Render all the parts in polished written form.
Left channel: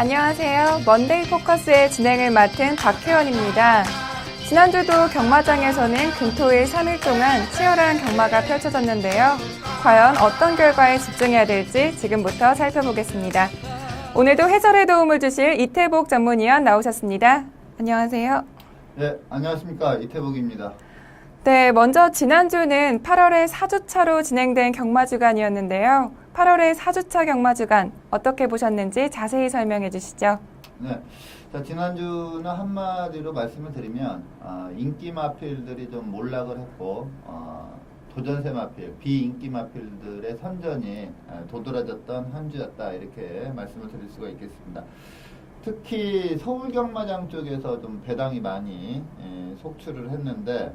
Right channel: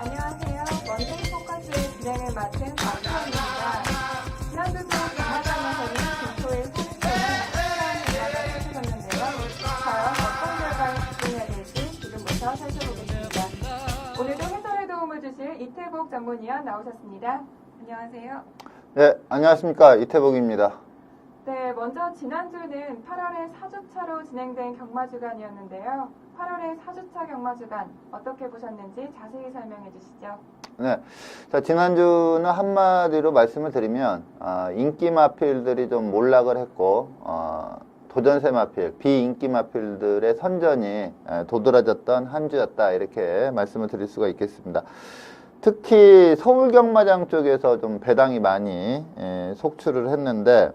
안녕하세요. 먼데이 포커스의 진행을 맡은 박혜원입니다. 지난주도 경마장에서는 금토일 3일 동안 치열한 경마가 펼쳐졌는데요. 과연 어떤 결과에 집중해야 될지 지금부터 살펴보겠습니다. 오늘도 해설에 도움을 주실 이태복 전문위원 나오셨습니다. 안녕하세요. 네, 안녕하십니까. 이태복입니다. 네, 먼저 지난주는 8월의 4주차로 진행된 경마주간이었는데요. 8월의 4주차 경마주간 어떻게 보셨는지 자세히 설명해 주시죠. 네, 자, 지난주는 한마디로 말씀을 드리면 인기 마필들이 좀 몰락을 했고 도전세 마필, 비인기 마필들의 선전이 도드라졌던 한 주였다 이렇게 말씀을 드릴 수가 있겠습니다. 특히 서울 경마장 쪽에서 좀 배당이 많이 속출을 했는데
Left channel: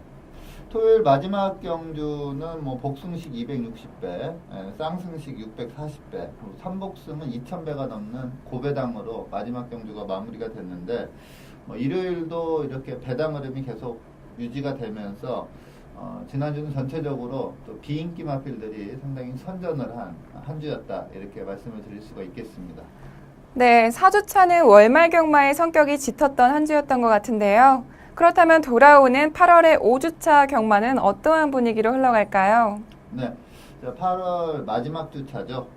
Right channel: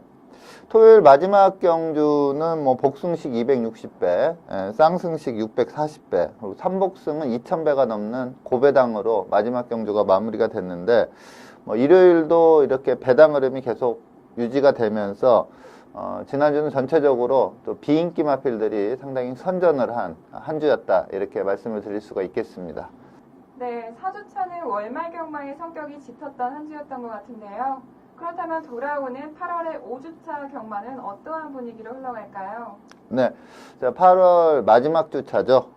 토요일 마지막 경주는 뭐 복승식 260배, 쌍승식 640배, 그리고 삼복승은 2000배가 넘는 고배당으로 마지막 경주가 마무리가 됐는데 일요일도 이렇게 배당 흐름이 계속 유지가 되면서 지난주는 전체적으로 또 비인기 마필들이 상당히 선전을 한 주였다 이렇게 말씀을 드릴 수가 있겠습니다. 네, 4주차는 월말 경마의 성격이 짙었던 한 주였던 것 같은데요. 그렇다면 돌아오는 8월의 5주차 경마는 어떠한 분위기로 흘러갈까요? 네, 자, 8월 마지막 주차죠.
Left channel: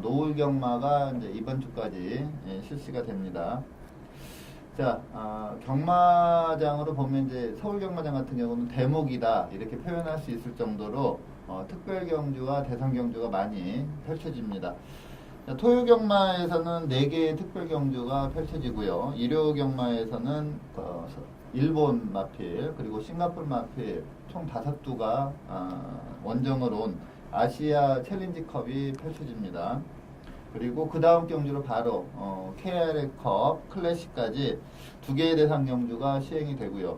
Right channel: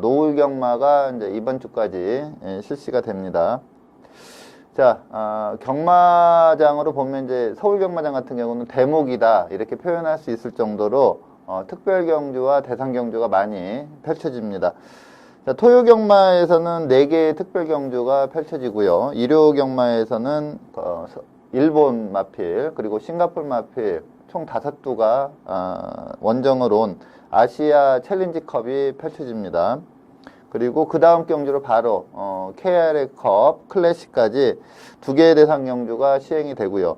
노을 경마가 이제 이번 주까지 실시가 됩니다. 자, 경마장으로 보면 이제 서울 경마장 같은 경우는 대목이다 이렇게 표현할 수 있을 정도로 특별 경주와 대상 경주가 많이 펼쳐집니다. 자, 토요 경마에서는 4개의 특별 경주가 펼쳐지고요. 일요 경마에서는 일본 마필 그리고 싱가포르 마필 총 5두가 원정을 온 아시아 챌린지컵이 펼쳐집니다. 그리고 그 다음 경주로 바로 KRA컵 클래식까지 2개의 대상 경주가 시행이 되고요.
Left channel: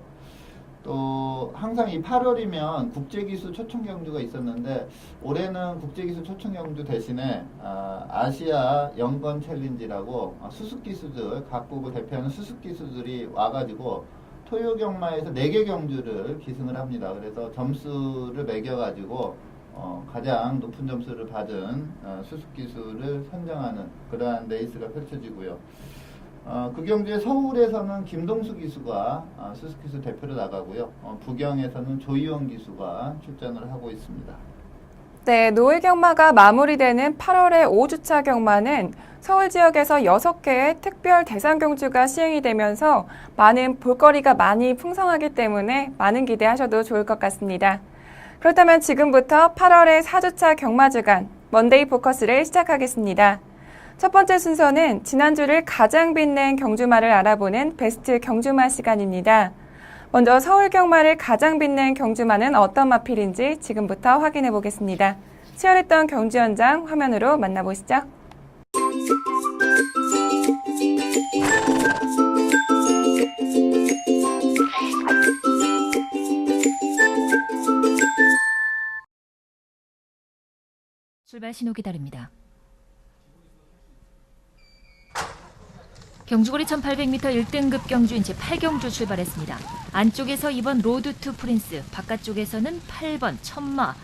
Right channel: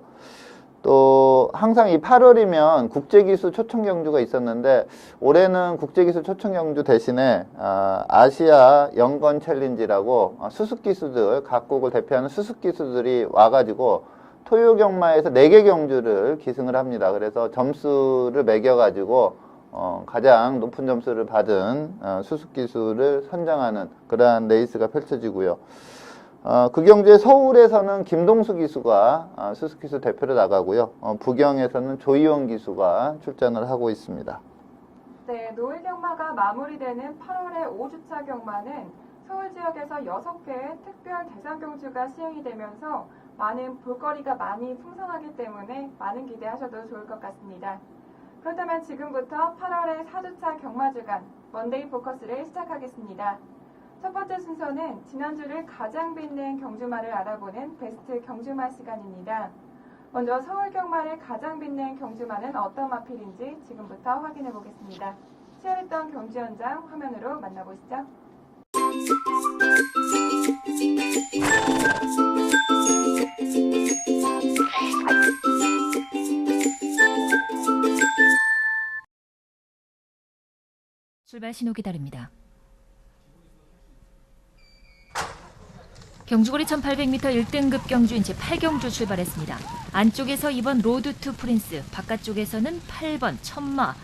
또 항상 이 8월이면 국제기수 초청 경주가 있었는데 올해는 국제기수 초청 경주 대신에 아시아 연건 챌린지라고 수습기수들 각국을 대표하는 수습기수들이 와가지고 토요 경마에서 4개 경주를 기승을 합니다. 그래서 점수를 매겨가지고 가장 높은 점수를 받은 수습기수를 선정하는 그러한 레이스가 펼쳐지고요. 그 경주에 서울에서는 김동수 기수가 수습기수 대표로 나가고요. 부경에서는 조이원 기수가 출전을 하고 있습니다. 네, 노을 경마가 마무리되는 8월의 5주차 경마는 서울 지역에서 6개의 특별 대상 경주가 시행이 되면서 많은 볼거리가 많이 풍성하기 때문에 많은 기대하셔도 좋을 것 같습니다. 그렇다면 지금부터 8월의 4주차 경마주간 먼데이 포커스를 시작하겠습니다. 첫 번째 순서는 지난주를 가장 빛낸 경주마를 알아보는 베스트 경주마 시간입니다. 먼저 서울 경마를 가장 빛낸 경주마는 어떤 마필인지 지금부터 확인해 보겠습니다. 치열했던 경주 현장 화면으로 만나보시죠. 출발 신호 기다립니다. 경주거리 1800m 1등급 경주인 제8경주 출발했습니다. 안쪽에서 2번 로드 투 프린스, 바깥쪽에서는 8번 천마,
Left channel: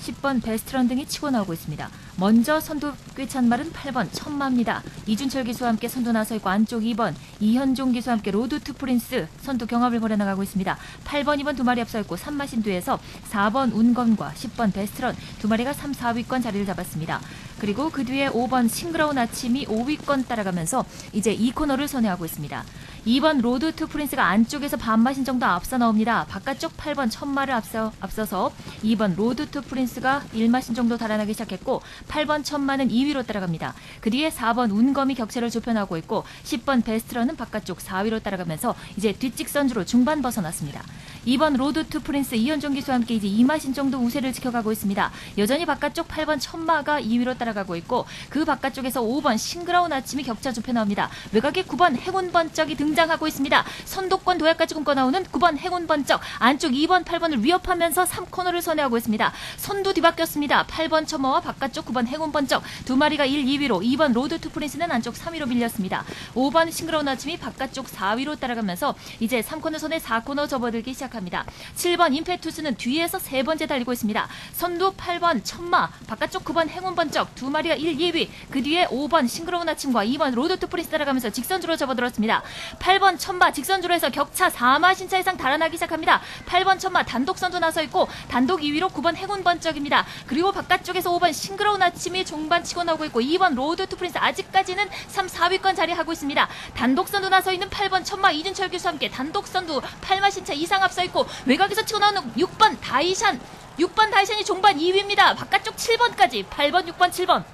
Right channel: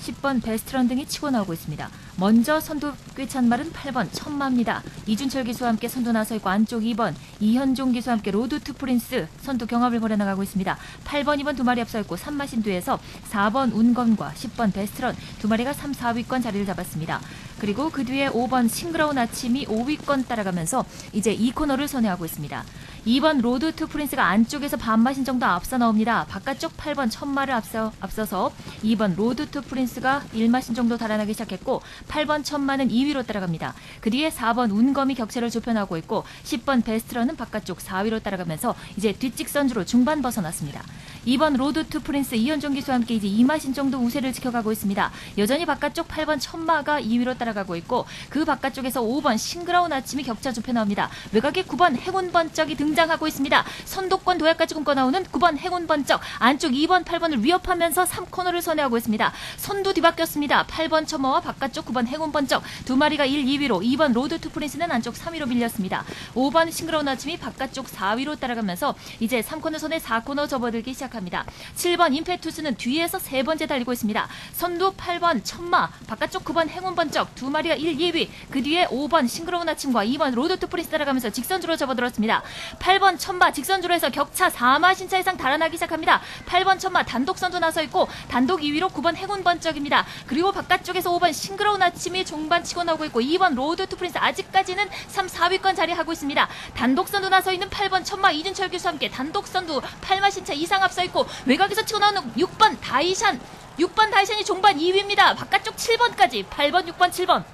10번 베스트런 등이 치고 나오고 있습니다. 먼저 선두 꿰찬 말은 8번 천마입니다. 이준철 기수와 함께 선두 나서 있고 안쪽 2번 이현종 기수와 함께 로드 투 프린스 선두 경합을 벌여나가고 있습니다. 8번, 2번 두 마리 앞서 있고 3마신 뒤에서 4번 운건과 10번 베스트런 두 마리가 3, 4위권 자리를 잡았습니다. 그리고 그 뒤에 5번 싱그러운 아침이 5위권 따라가면서 이제 2코너를 선회하고 있습니다. 2번 로드 투 프린스가 안쪽에서 반마신 정도 앞서 나옵니다. 바깥쪽 8번 천마를 앞서서 2번 로드 투 프린스가 1마신 정도 달아나기 시작했고 8번 천마는 2위로 따라갑니다. 그 뒤에 4번 운검이 격차를 좁혀나가고 있고 10번 베스트런은 바깥쪽 4위로 따라가면서 이제 뒷직선주로 중반 벗어났습니다. 2번 로드 투 프린스 이현종 기수와 함께 이제 2마신 정도 우세를 지켜가고 있습니다. 여전히 바깥쪽 8번 천마가 2위로 따라가고 있고 그 바깥쪽에서 5번 싱그러운 아침이 격차 좁혀 나옵니다. 외곽에 9번 행운 번쩍이 등장하고 있습니다. 선도권 도약까지 꿈꿔 나오는 9번 행운 번쩍 안쪽 2번 8번을 위협하면서 3코너를 선회하고 있습니다. 선두 뒤바뀌었습니다. 8번 천마와 바깥쪽 9번 행운 번쩍 두 마리가 1, 2위로 2번 로드 투 프린스는 안쪽 3위로 밀렸습니다. 5번 싱그러운 아침이 바깥쪽 4위로 따라가면서 이제 3코너 선에 4코너 접어들기 시작합니다. 시작합니다. 7번 임페투스는 뒤에서 세 번째 달리고 있습니다. 선두 8번 천마, 바깥쪽 9번 행운 번쩍 두 마리가 1, 2위. 그 뒤에 5번 싱그러운 아침과 2번 로드 투 프린스 따라가면서 직선주로 접어들었습니다. 8번 천마 직선주로 해서 격차 4마 신차 이상 달아나기 시작합니다. 8번 천마 단독 선두 나서 있고 단독 2위로 9번 행운 번쩍입니다. 그리고 바깥쪽에서 5번 싱그러운 아침이 종반 치고 나오고 있고 2번 로드 투 프린스 아직까지는 3, 4위권 자리하고 있습니다. 단독 선두 나서 있는 8번 천마 이준철 교수와 함께 단독 선두 8마 신차 이상 앞서 있고 외곽에서 치고 나오는 6번 다이샨 6번 다이샨이 종반 2위입니다. 바깥쪽 7번까지 8번, 6번, 7번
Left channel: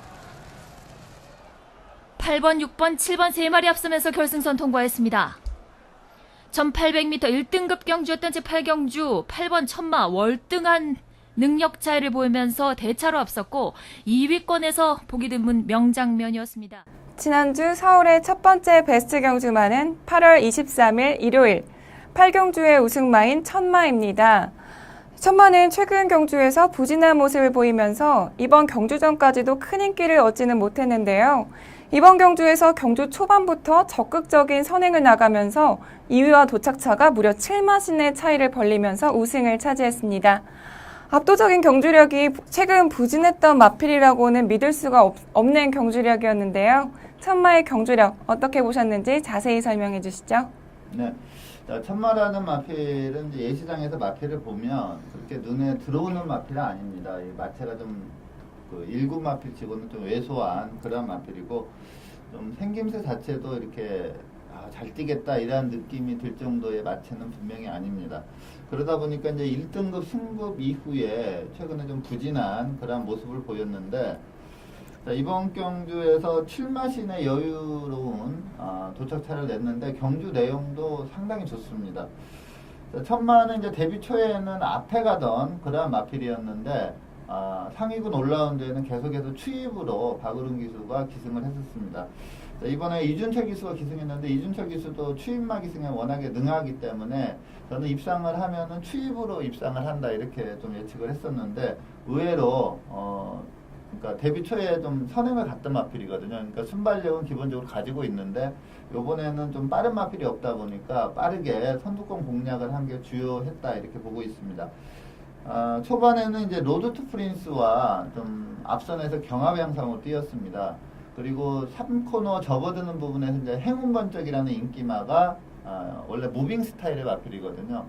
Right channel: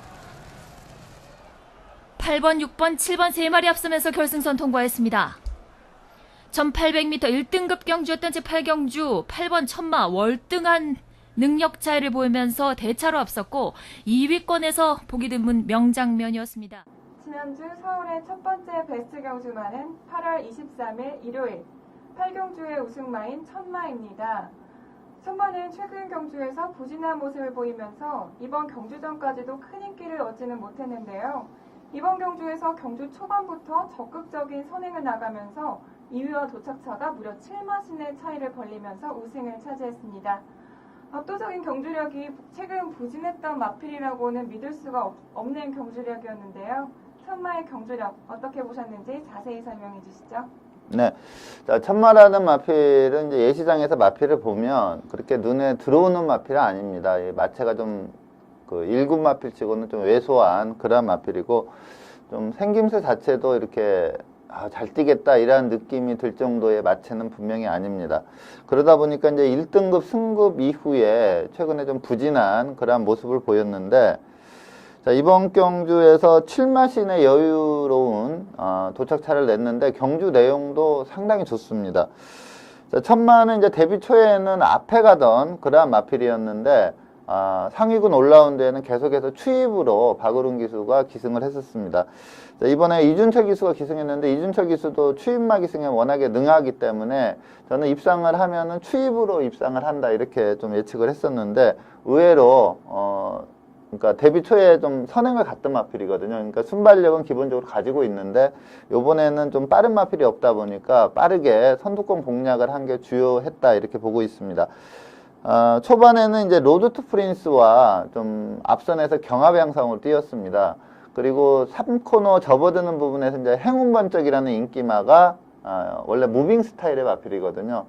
8번, 6번, 7번 세 마리 앞서면서 결승선 통과했습니다. 1800m 1등급 경주였던 제8경주 8번 천마 월등한 능력 차이를 보이면서 대차로 앞섰고 2위권에서 보기 드문 명장면이었습니다. 지난주 서울의 첫 번째 베스트 경주마는 8월 23일 일요일 8경주의 우승마인 천마입니다. 천마는 최근 경주에서 부진한 모습을 보이면서 이번 경주전까지도 큰 인기를 얻지는 못했는데요. 이번 경주에서 경주 초반부터 적극적인 선행을 나가면서 2위와 도착차가 무려 7마신의 차이를 벌리면서 우승을 차지했습니다. 압도적인 경주력이 최근 부진했던 마필이라고는 믿을 수가 없는 경주력이었는데요. 천마의 경주력 어떻게 보셨는지 자세히 설명해 주시죠. 네. 자, 천마라는 마필은 이제 예시장에서 마필을 보면 그렇게 눈에 들어오는 마필은 아닙니다. 이 마체가 좀 그 1군 마필치고는 좀 왜소한 그런 마필이고 좀 생김새 자체도 이렇게 잘 뛰겠다 이런 느낌이 들 정도의 마체는 분명히 아닙니다. 그러다 보니까 이제 1등급 승급 이후에 최근에 좀 부진한 그런 모습을 보였는데 자, 이번 경주에서 7마신의 여유로운 도착차를 냈는데 경주 내용도 상당히 좋습니다. 자, 천마는 이제 데뷔 초에는 앞에 가던 그러한 마필이었는데 상위군 올라온 데에는 계속해서 추입으로 박우른 기수가 기승을 했었습니다. 자, 이번에 이준철 기수가 기승했는데 이준철 기수도 추입마 기승에 워낙에 능하기 때문에 저는 입상을 하면은 추입으로 입상을 한다 이렇게 좀 예측을 했었는데 의외로 그러니까 데뷔 초에 좀 선행을 갔던 마필이거든요. 그러니까 순발력은 기본적으로 가지고 있는데 요번에는 좀 빠른 마필이 없다 보니까 빠르게 선두권 공략을 한 게 주요했다 이렇게 보고 있습니다. 초반에는 이제 로드 투 프린스와 좀 앞선에서 경합 양상으로 뛰었습니다. 그리고 3코너 접어드는 부분에서 이제 행운 번쩍이라는 인기마가 원래 무빙 스타일의 마필이거든요.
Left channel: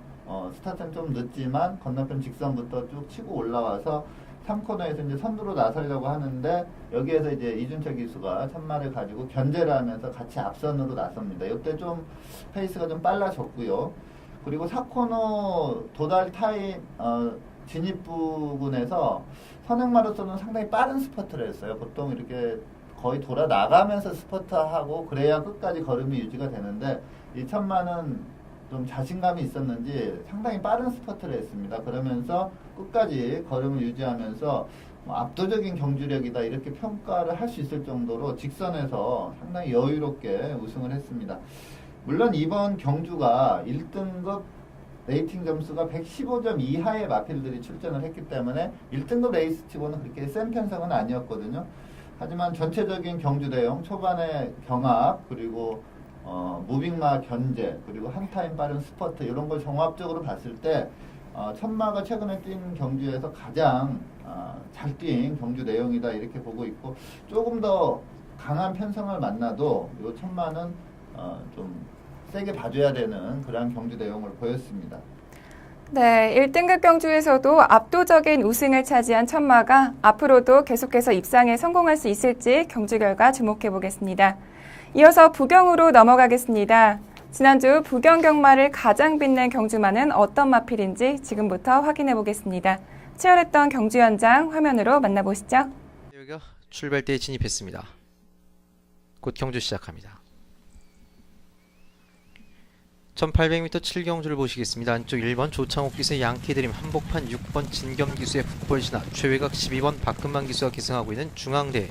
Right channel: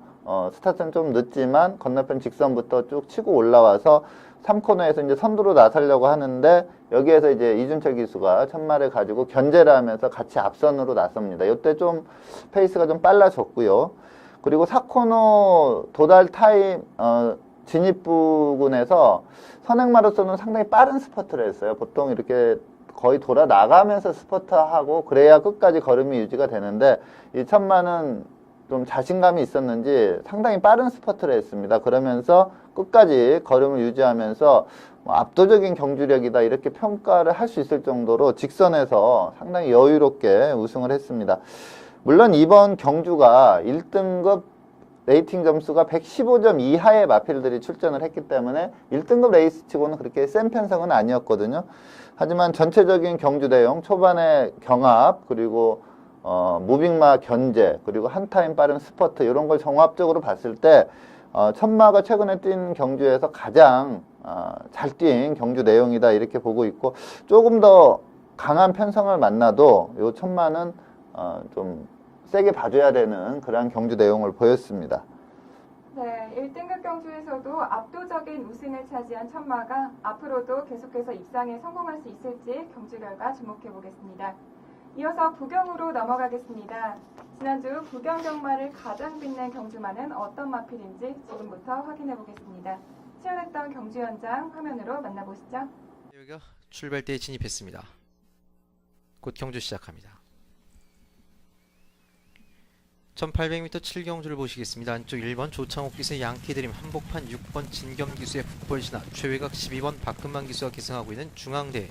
스타트는 좀 늦지만 건너편 직선부터 쭉 치고 올라와서 3코너에서 이제 선두로 나서려고 하는데 여기에서 이제 이준철 기수가 천마를 가지고 견제를 하면서 같이 앞선으로 나섭니다. 이때 좀 페이스가 좀 빨라졌고요. 그리고 4코너 도달 타임 진입 부근에서 선행마로서는 상당히 빠른 스퍼트를 했어요. 보통 이렇게 거의 돌아 나가면서 스퍼트하고 그래야 끝까지 걸음이 유지가 되는데 이 천마는 좀 자신감이 있었는지 상당히 빠른 스퍼트를 했습니다. 그러면서 끝까지 걸음을 유지하면서 압도적인 경주력이다 이렇게 평가를 할 수 있을 정도로 직선에서 상당히 여유롭게 우승을 했습니다. 물론 이번 경주가 1등급 레이팅 점수가 115점 이하의 마필들이 출전을 했기 때문에 1등급 레이스치고는 그렇게 센 편성은 아니었거든요. 하지만 전체적인 경주 내용, 초반에 경합, 그리고 무빙마 견제, 그리고 한 타임 빠른 스퍼트 이런 걸 종합적으로 봤을 때 천마가 최근에 뛴 경주에서 가장 잘 뛴 경주 내용이다 이렇게 보고 있고 조금 더 강한 편성을 만나도 이 천마는 좀 세게 봐줘야 되는 그러한 경주 내용을 보였습니다. 네, 1등급 경주에서도 압도적인 우승을 차지한 천마가 앞으로도 계속해서 입상에 성공할 수 있을지 경주 결과 주목해 보겠습니다. 이어서 부경으로 넘어가겠습니다. 지난주 부경 경마를 가장 빛낸 경주마는 어떤 마필인지 지금부터 확인해 보겠습니다. 치열했던 경주 현장 화면으로 만나보시죠. 여기가 출발대에 진입했습니다. 곧 경주 시작합니다. 1800m 7경주를 보시겠습니다. 안쪽 1번 조창옥 기수의 양키드림, 한복판 6번 진겸 기수의 북벌신화, 최외곽 12번 박근만 기수가 기승하고 있는 중앙대.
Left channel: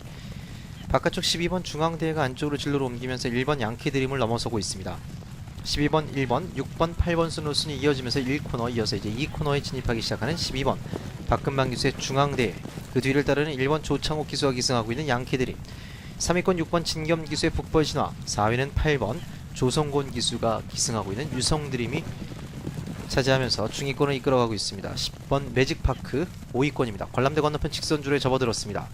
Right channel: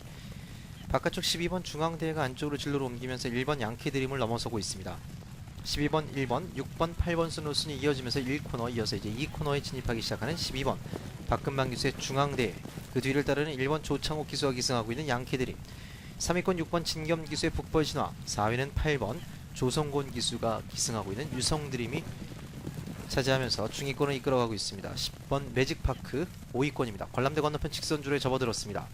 바깥쪽 12번 중앙대가 안쪽으로 진로를 옮기면서 1번 양키드림을 넘어서고 있습니다. 12번, 1번, 6번, 8번 순으로순이 이어지면서 1코너 이어서 이제 2코너에 진입하기 시작하는 12번 박근만 기수의 중앙대. 그 뒤를 따르는 1번 조창옥 기수가 기승하고 있는 양키드림, 3위권 6번 진겸 기수의 북벌신화, 4위는 8번 조성곤 기수가 기승하고 있는 유성드림이 차지하면서 중위권을 이끌어가고 있습니다. 10번 매직파크 5위권입니다. 관람대 건너편 직선주로에 접어들었습니다.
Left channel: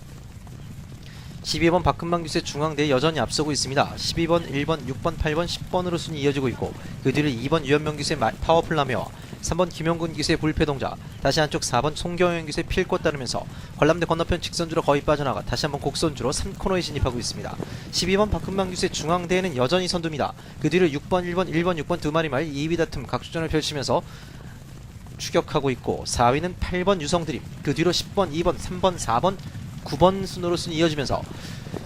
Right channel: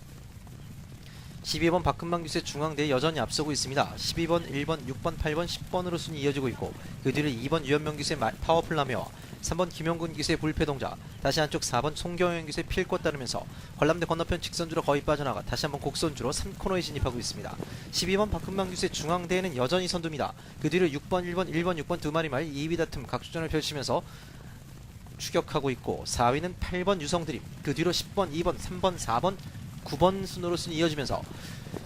12번 박금방 기수의 중앙대에 여전히 앞서고 있습니다. 12번, 1번, 6번, 8번, 10번으로 순위 이어지고 있고 그 뒤를 2번 유현명 기수의 파워풀라메와 3번 김용근 기수의 불패동자, 다시 한쪽 4번 송경현 기수의 필꽃 따르면서 관람대 건너편 직선주로 거의 빠져나가 다시 한번 곡선주로 3코너에 진입하고 있습니다. 12번 박금방 기수의 중앙대에는 여전히 선두입니다. 그 뒤를 6번, 1번, 1번, 6번 두 마리 말 2위 다툼 각주전을 펼치면서 추격하고 있고 4위는 8번 유성드림, 그 뒤로 10번, 2번, 3번, 4번, 9번 순으로 순위 이어지면서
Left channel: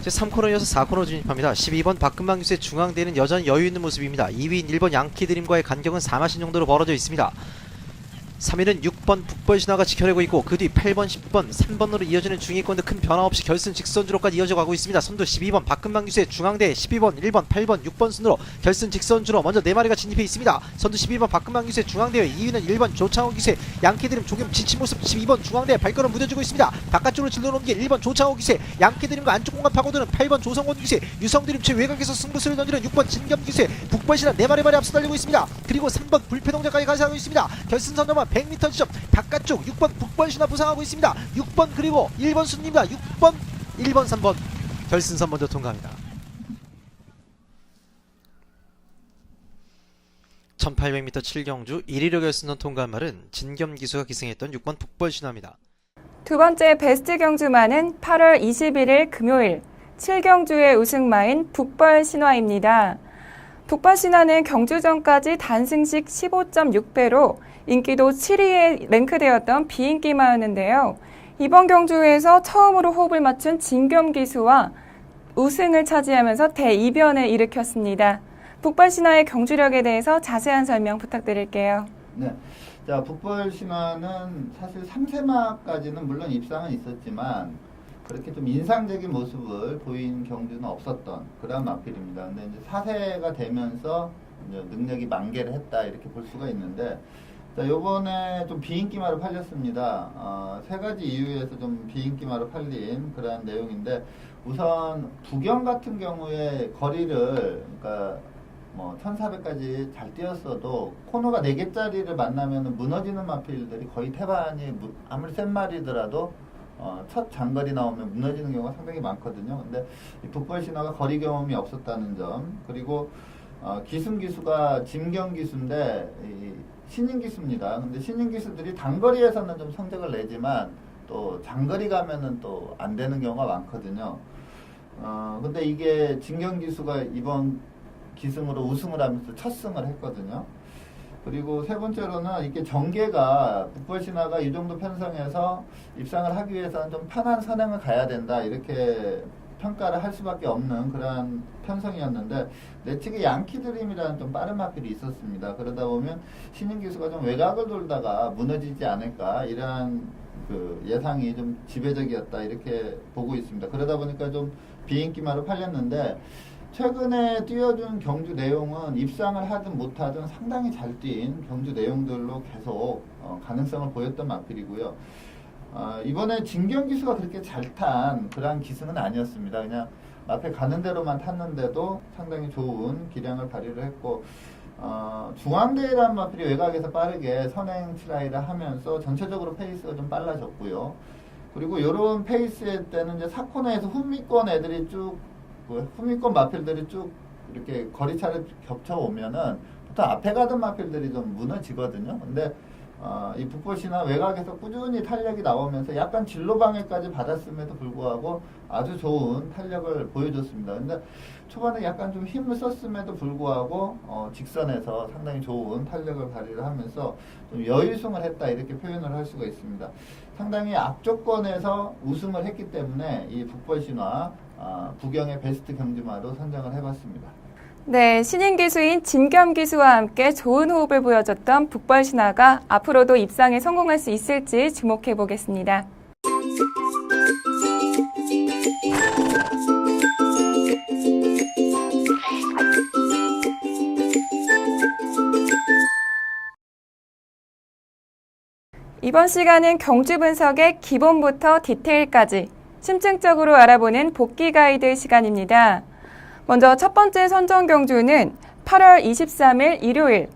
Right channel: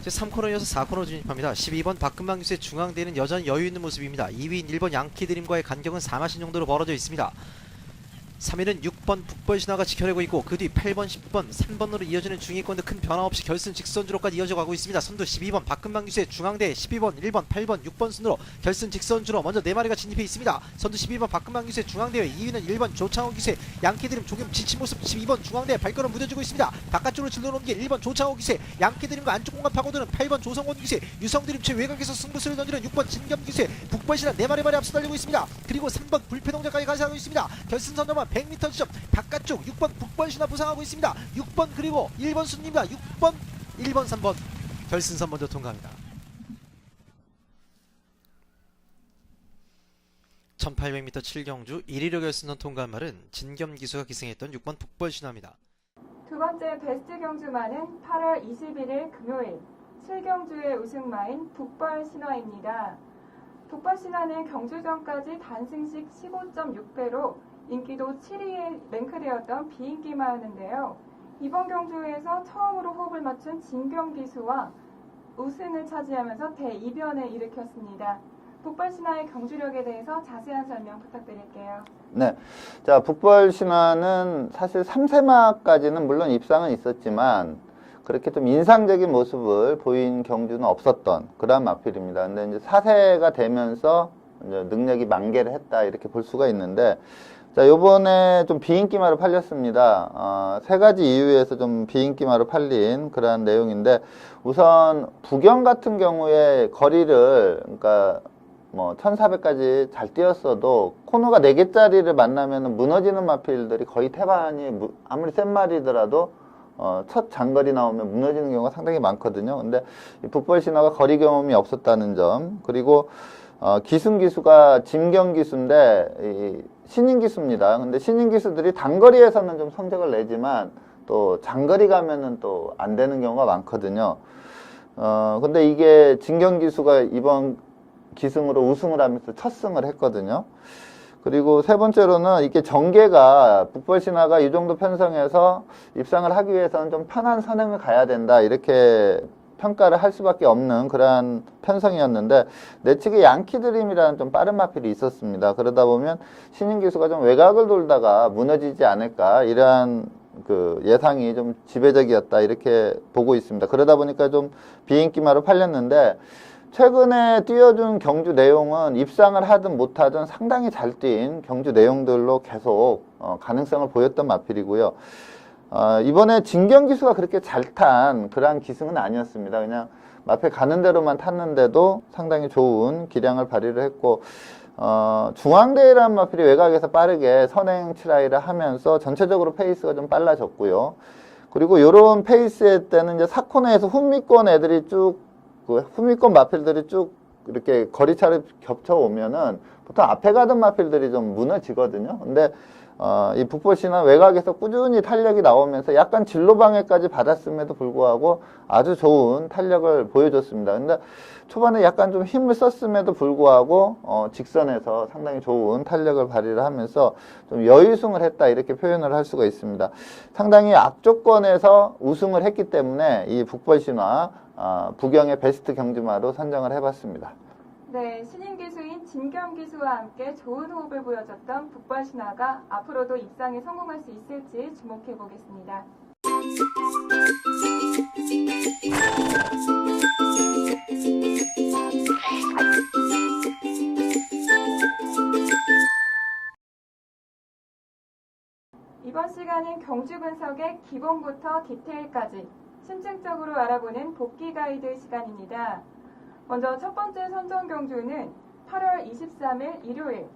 이제 3코너 이어서 4코너 진입합니다. 12번 박금방 기수의 중앙대는 여전히 여유 있는 모습입니다. 2위인 1번 양키드림과의 간격은 4마신 정도로 벌어져 있습니다. 3위는 6번 북벌신화가 지켜내고 있고 그 뒤 8번, 10번, 3번으로 이어지는 중위권도 큰 변화 없이 결승 직선주로까지 이어져 가고 있습니다. 선두 12번 박금방 기수의 중앙대 12번, 1번, 8번, 6번 순으로 결승 직선주로 먼저 4마리가 진입해 있습니다. 선두 12번 박금방 기수의 중앙대 2위는 1번 조창호 기수의 양키드림 조금 지친 모습 12번 중앙대 발걸음 무뎌지고 있습니다. 바깥쪽으로 질러놓은 게 1번 조창호 기수의 양키드림과 안쪽 공간 파고드는 8번 조성원 기수의 유성드림 최외곽에서 승부수를 던지는 6번 진겸 기수의 북벌신화 4마리 앞서 달리고 있습니다. 그리고 3번 불패동자까지 가세하고 있습니다. 결승 선점은 100m 지점 바깥쪽 6번 북벌신화 부상하고 있습니다. 6번 그리고 1번 순입니다. 6번, 1번, 3번 결승선 먼저 통과합니다. 1800m 7경주 1위로 결승선 통과한 말은 진겸 기수가 기승했던 6번 북벌신화입니다. 두 번째 베스트 경주마는 8월 21일 금요일 7경주의 우승마인 북벌신화입니다. 북벌신화는 경주 전까지 단승식 15.6배로 인기도 7위에 랭크되었던 비인기마였는데요. 이번 경주에서 처음으로 호흡을 맞춘 진겸 기수와 우승을 차지하면서 대이변을 일으켰습니다. 북벌신화의 경주력에 대해서 자세한 설명 부탁드릴게요. 네. 자, 북벌신화는 사실 3세마까지는 물론 입상은 있었지만 그렇게 좀 인상적인 모습을 보인 경주는 없었던 그런 마필입니다. 근데 이제 4세가 되면서 이제 능력이 만개를 했다 이렇게 볼 수가 있는데 자, 요번에 좀 비인기마로 팔렸습니다. 세 가지 이유에서 좀 비인기마로 팔린 그러한 내용인데 우선 부경 같은 경우에 거리를 그러니까 뭐 1400까지 잘 뛰었어도 코너가 4개짜리를 만나면 무너지는 마필들이 거의 태반이 아무리 센 말이더라도 첫 장거리 나오면 무너지는 경우가 상당히 많거든요. 근데 이 북벌신화가 거리 경험이 없었다는 점, 그리고 기승 기수가 진겸 기수인데 신인 기수입니다. 근데 신인 기수들이 단거리에서는 좀 성적을 내지만 또 장거리 가면은 또 안 되는 경우가 많거든요. 근데 이게 진겸 기수가 이번 기승으로 우승을 하면서 첫 승을 했거든요. 그리고 세 번째로는 이게 전개가 북벌신화가 이 정도 편성해서 입상을 하기 위해서는 좀 편한 선행을 가야 된다 이렇게 평가를 할 수밖에 없는 그러한 편성이었는데 내측에 양키드림이라는 좀 빠른 마필이 있었습니다. 그러다 보면 신인 기수가 좀 외곽을 돌다가 무너지지 않을까 이러한 그 예상이 좀 지배적이었다 이렇게 보고 있습니다. 그러다 보니까 좀 비인기마로 팔렸는데 최근에 뛰어준 경주 내용은 입상을 하든 못하든 상당히 잘 뛴 경주 내용들로 계속 가능성을 보였던 마필이고요. 이번에 진겸 기수가 그렇게 잘 탄 그러한 기승은 아니었습니다. 그냥 마필 가는 대로만 탔는데도 상당히 좋은 기량을 발휘를 했고 중앙대라는 마필이 외곽에서 빠르게 선행 트라이를 하면서 전체적으로 페이스가 좀 빨라졌고요. 그리고 이런 페이스의 때는 이제 4코너에서 후미권 애들이 쭉 후미권 마필들이 쭉 이렇게 거리차를 겹쳐오면은 보통 앞에 가던 마필들이 좀 무너지거든요. 근데 이 북벌신화 외곽에서 꾸준히 탄력이 나오면서 약간 진로 방해까지 받았음에도 불구하고 아주 좋은 탄력을 보여줬습니다. 근데 초반에 약간 좀 힘을 썼음에도 불구하고 직선에서 상당히 좋은 탄력을 발휘를 하면서 좀 여유승을 했다 이렇게 표현을 할 수가 있습니다. 상당히 악조건에서 우승을 했기 때문에 이 북벌신화 부경의 베스트 경주마로 선정을 해봤습니다. 네, 신인 기수인 진겸 기수와 함께 좋은 호흡을 보여줬던 북벌신화가 앞으로도 입상에 성공할 수 있을지 주목해 보겠습니다. 이번 시간은 경주 분석의 기본부터 디테일까지 심층적으로 알아보는 복귀 가이드 시간입니다. 먼저 첫 번째 선정 경주는 8월 23일 일요일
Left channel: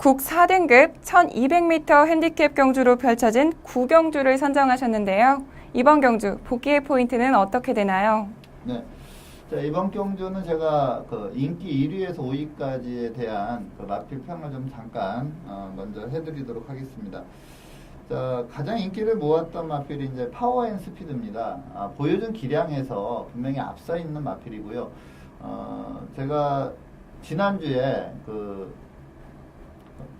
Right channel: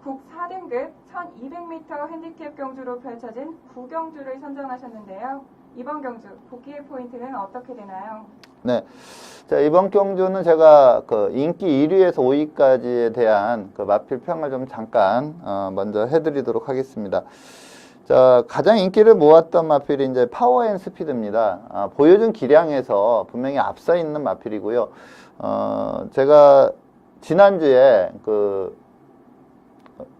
국 4등급 1200m 핸디캡 경주로 펼쳐진 9경주를 선정하셨는데요. 이번 경주 복귀의 포인트는 어떻게 되나요? 네. 자, 이번 경주는 제가 그 인기 1위에서 5위까지에 대한 그 마필 평을 좀 잠깐 먼저 해드리도록 하겠습니다. 자, 가장 인기를 모았던 마필이 이제 파워 앤 스피드입니다. 보여준 기량에서 분명히 앞서 있는 마필이고요. 제가 지난주에 그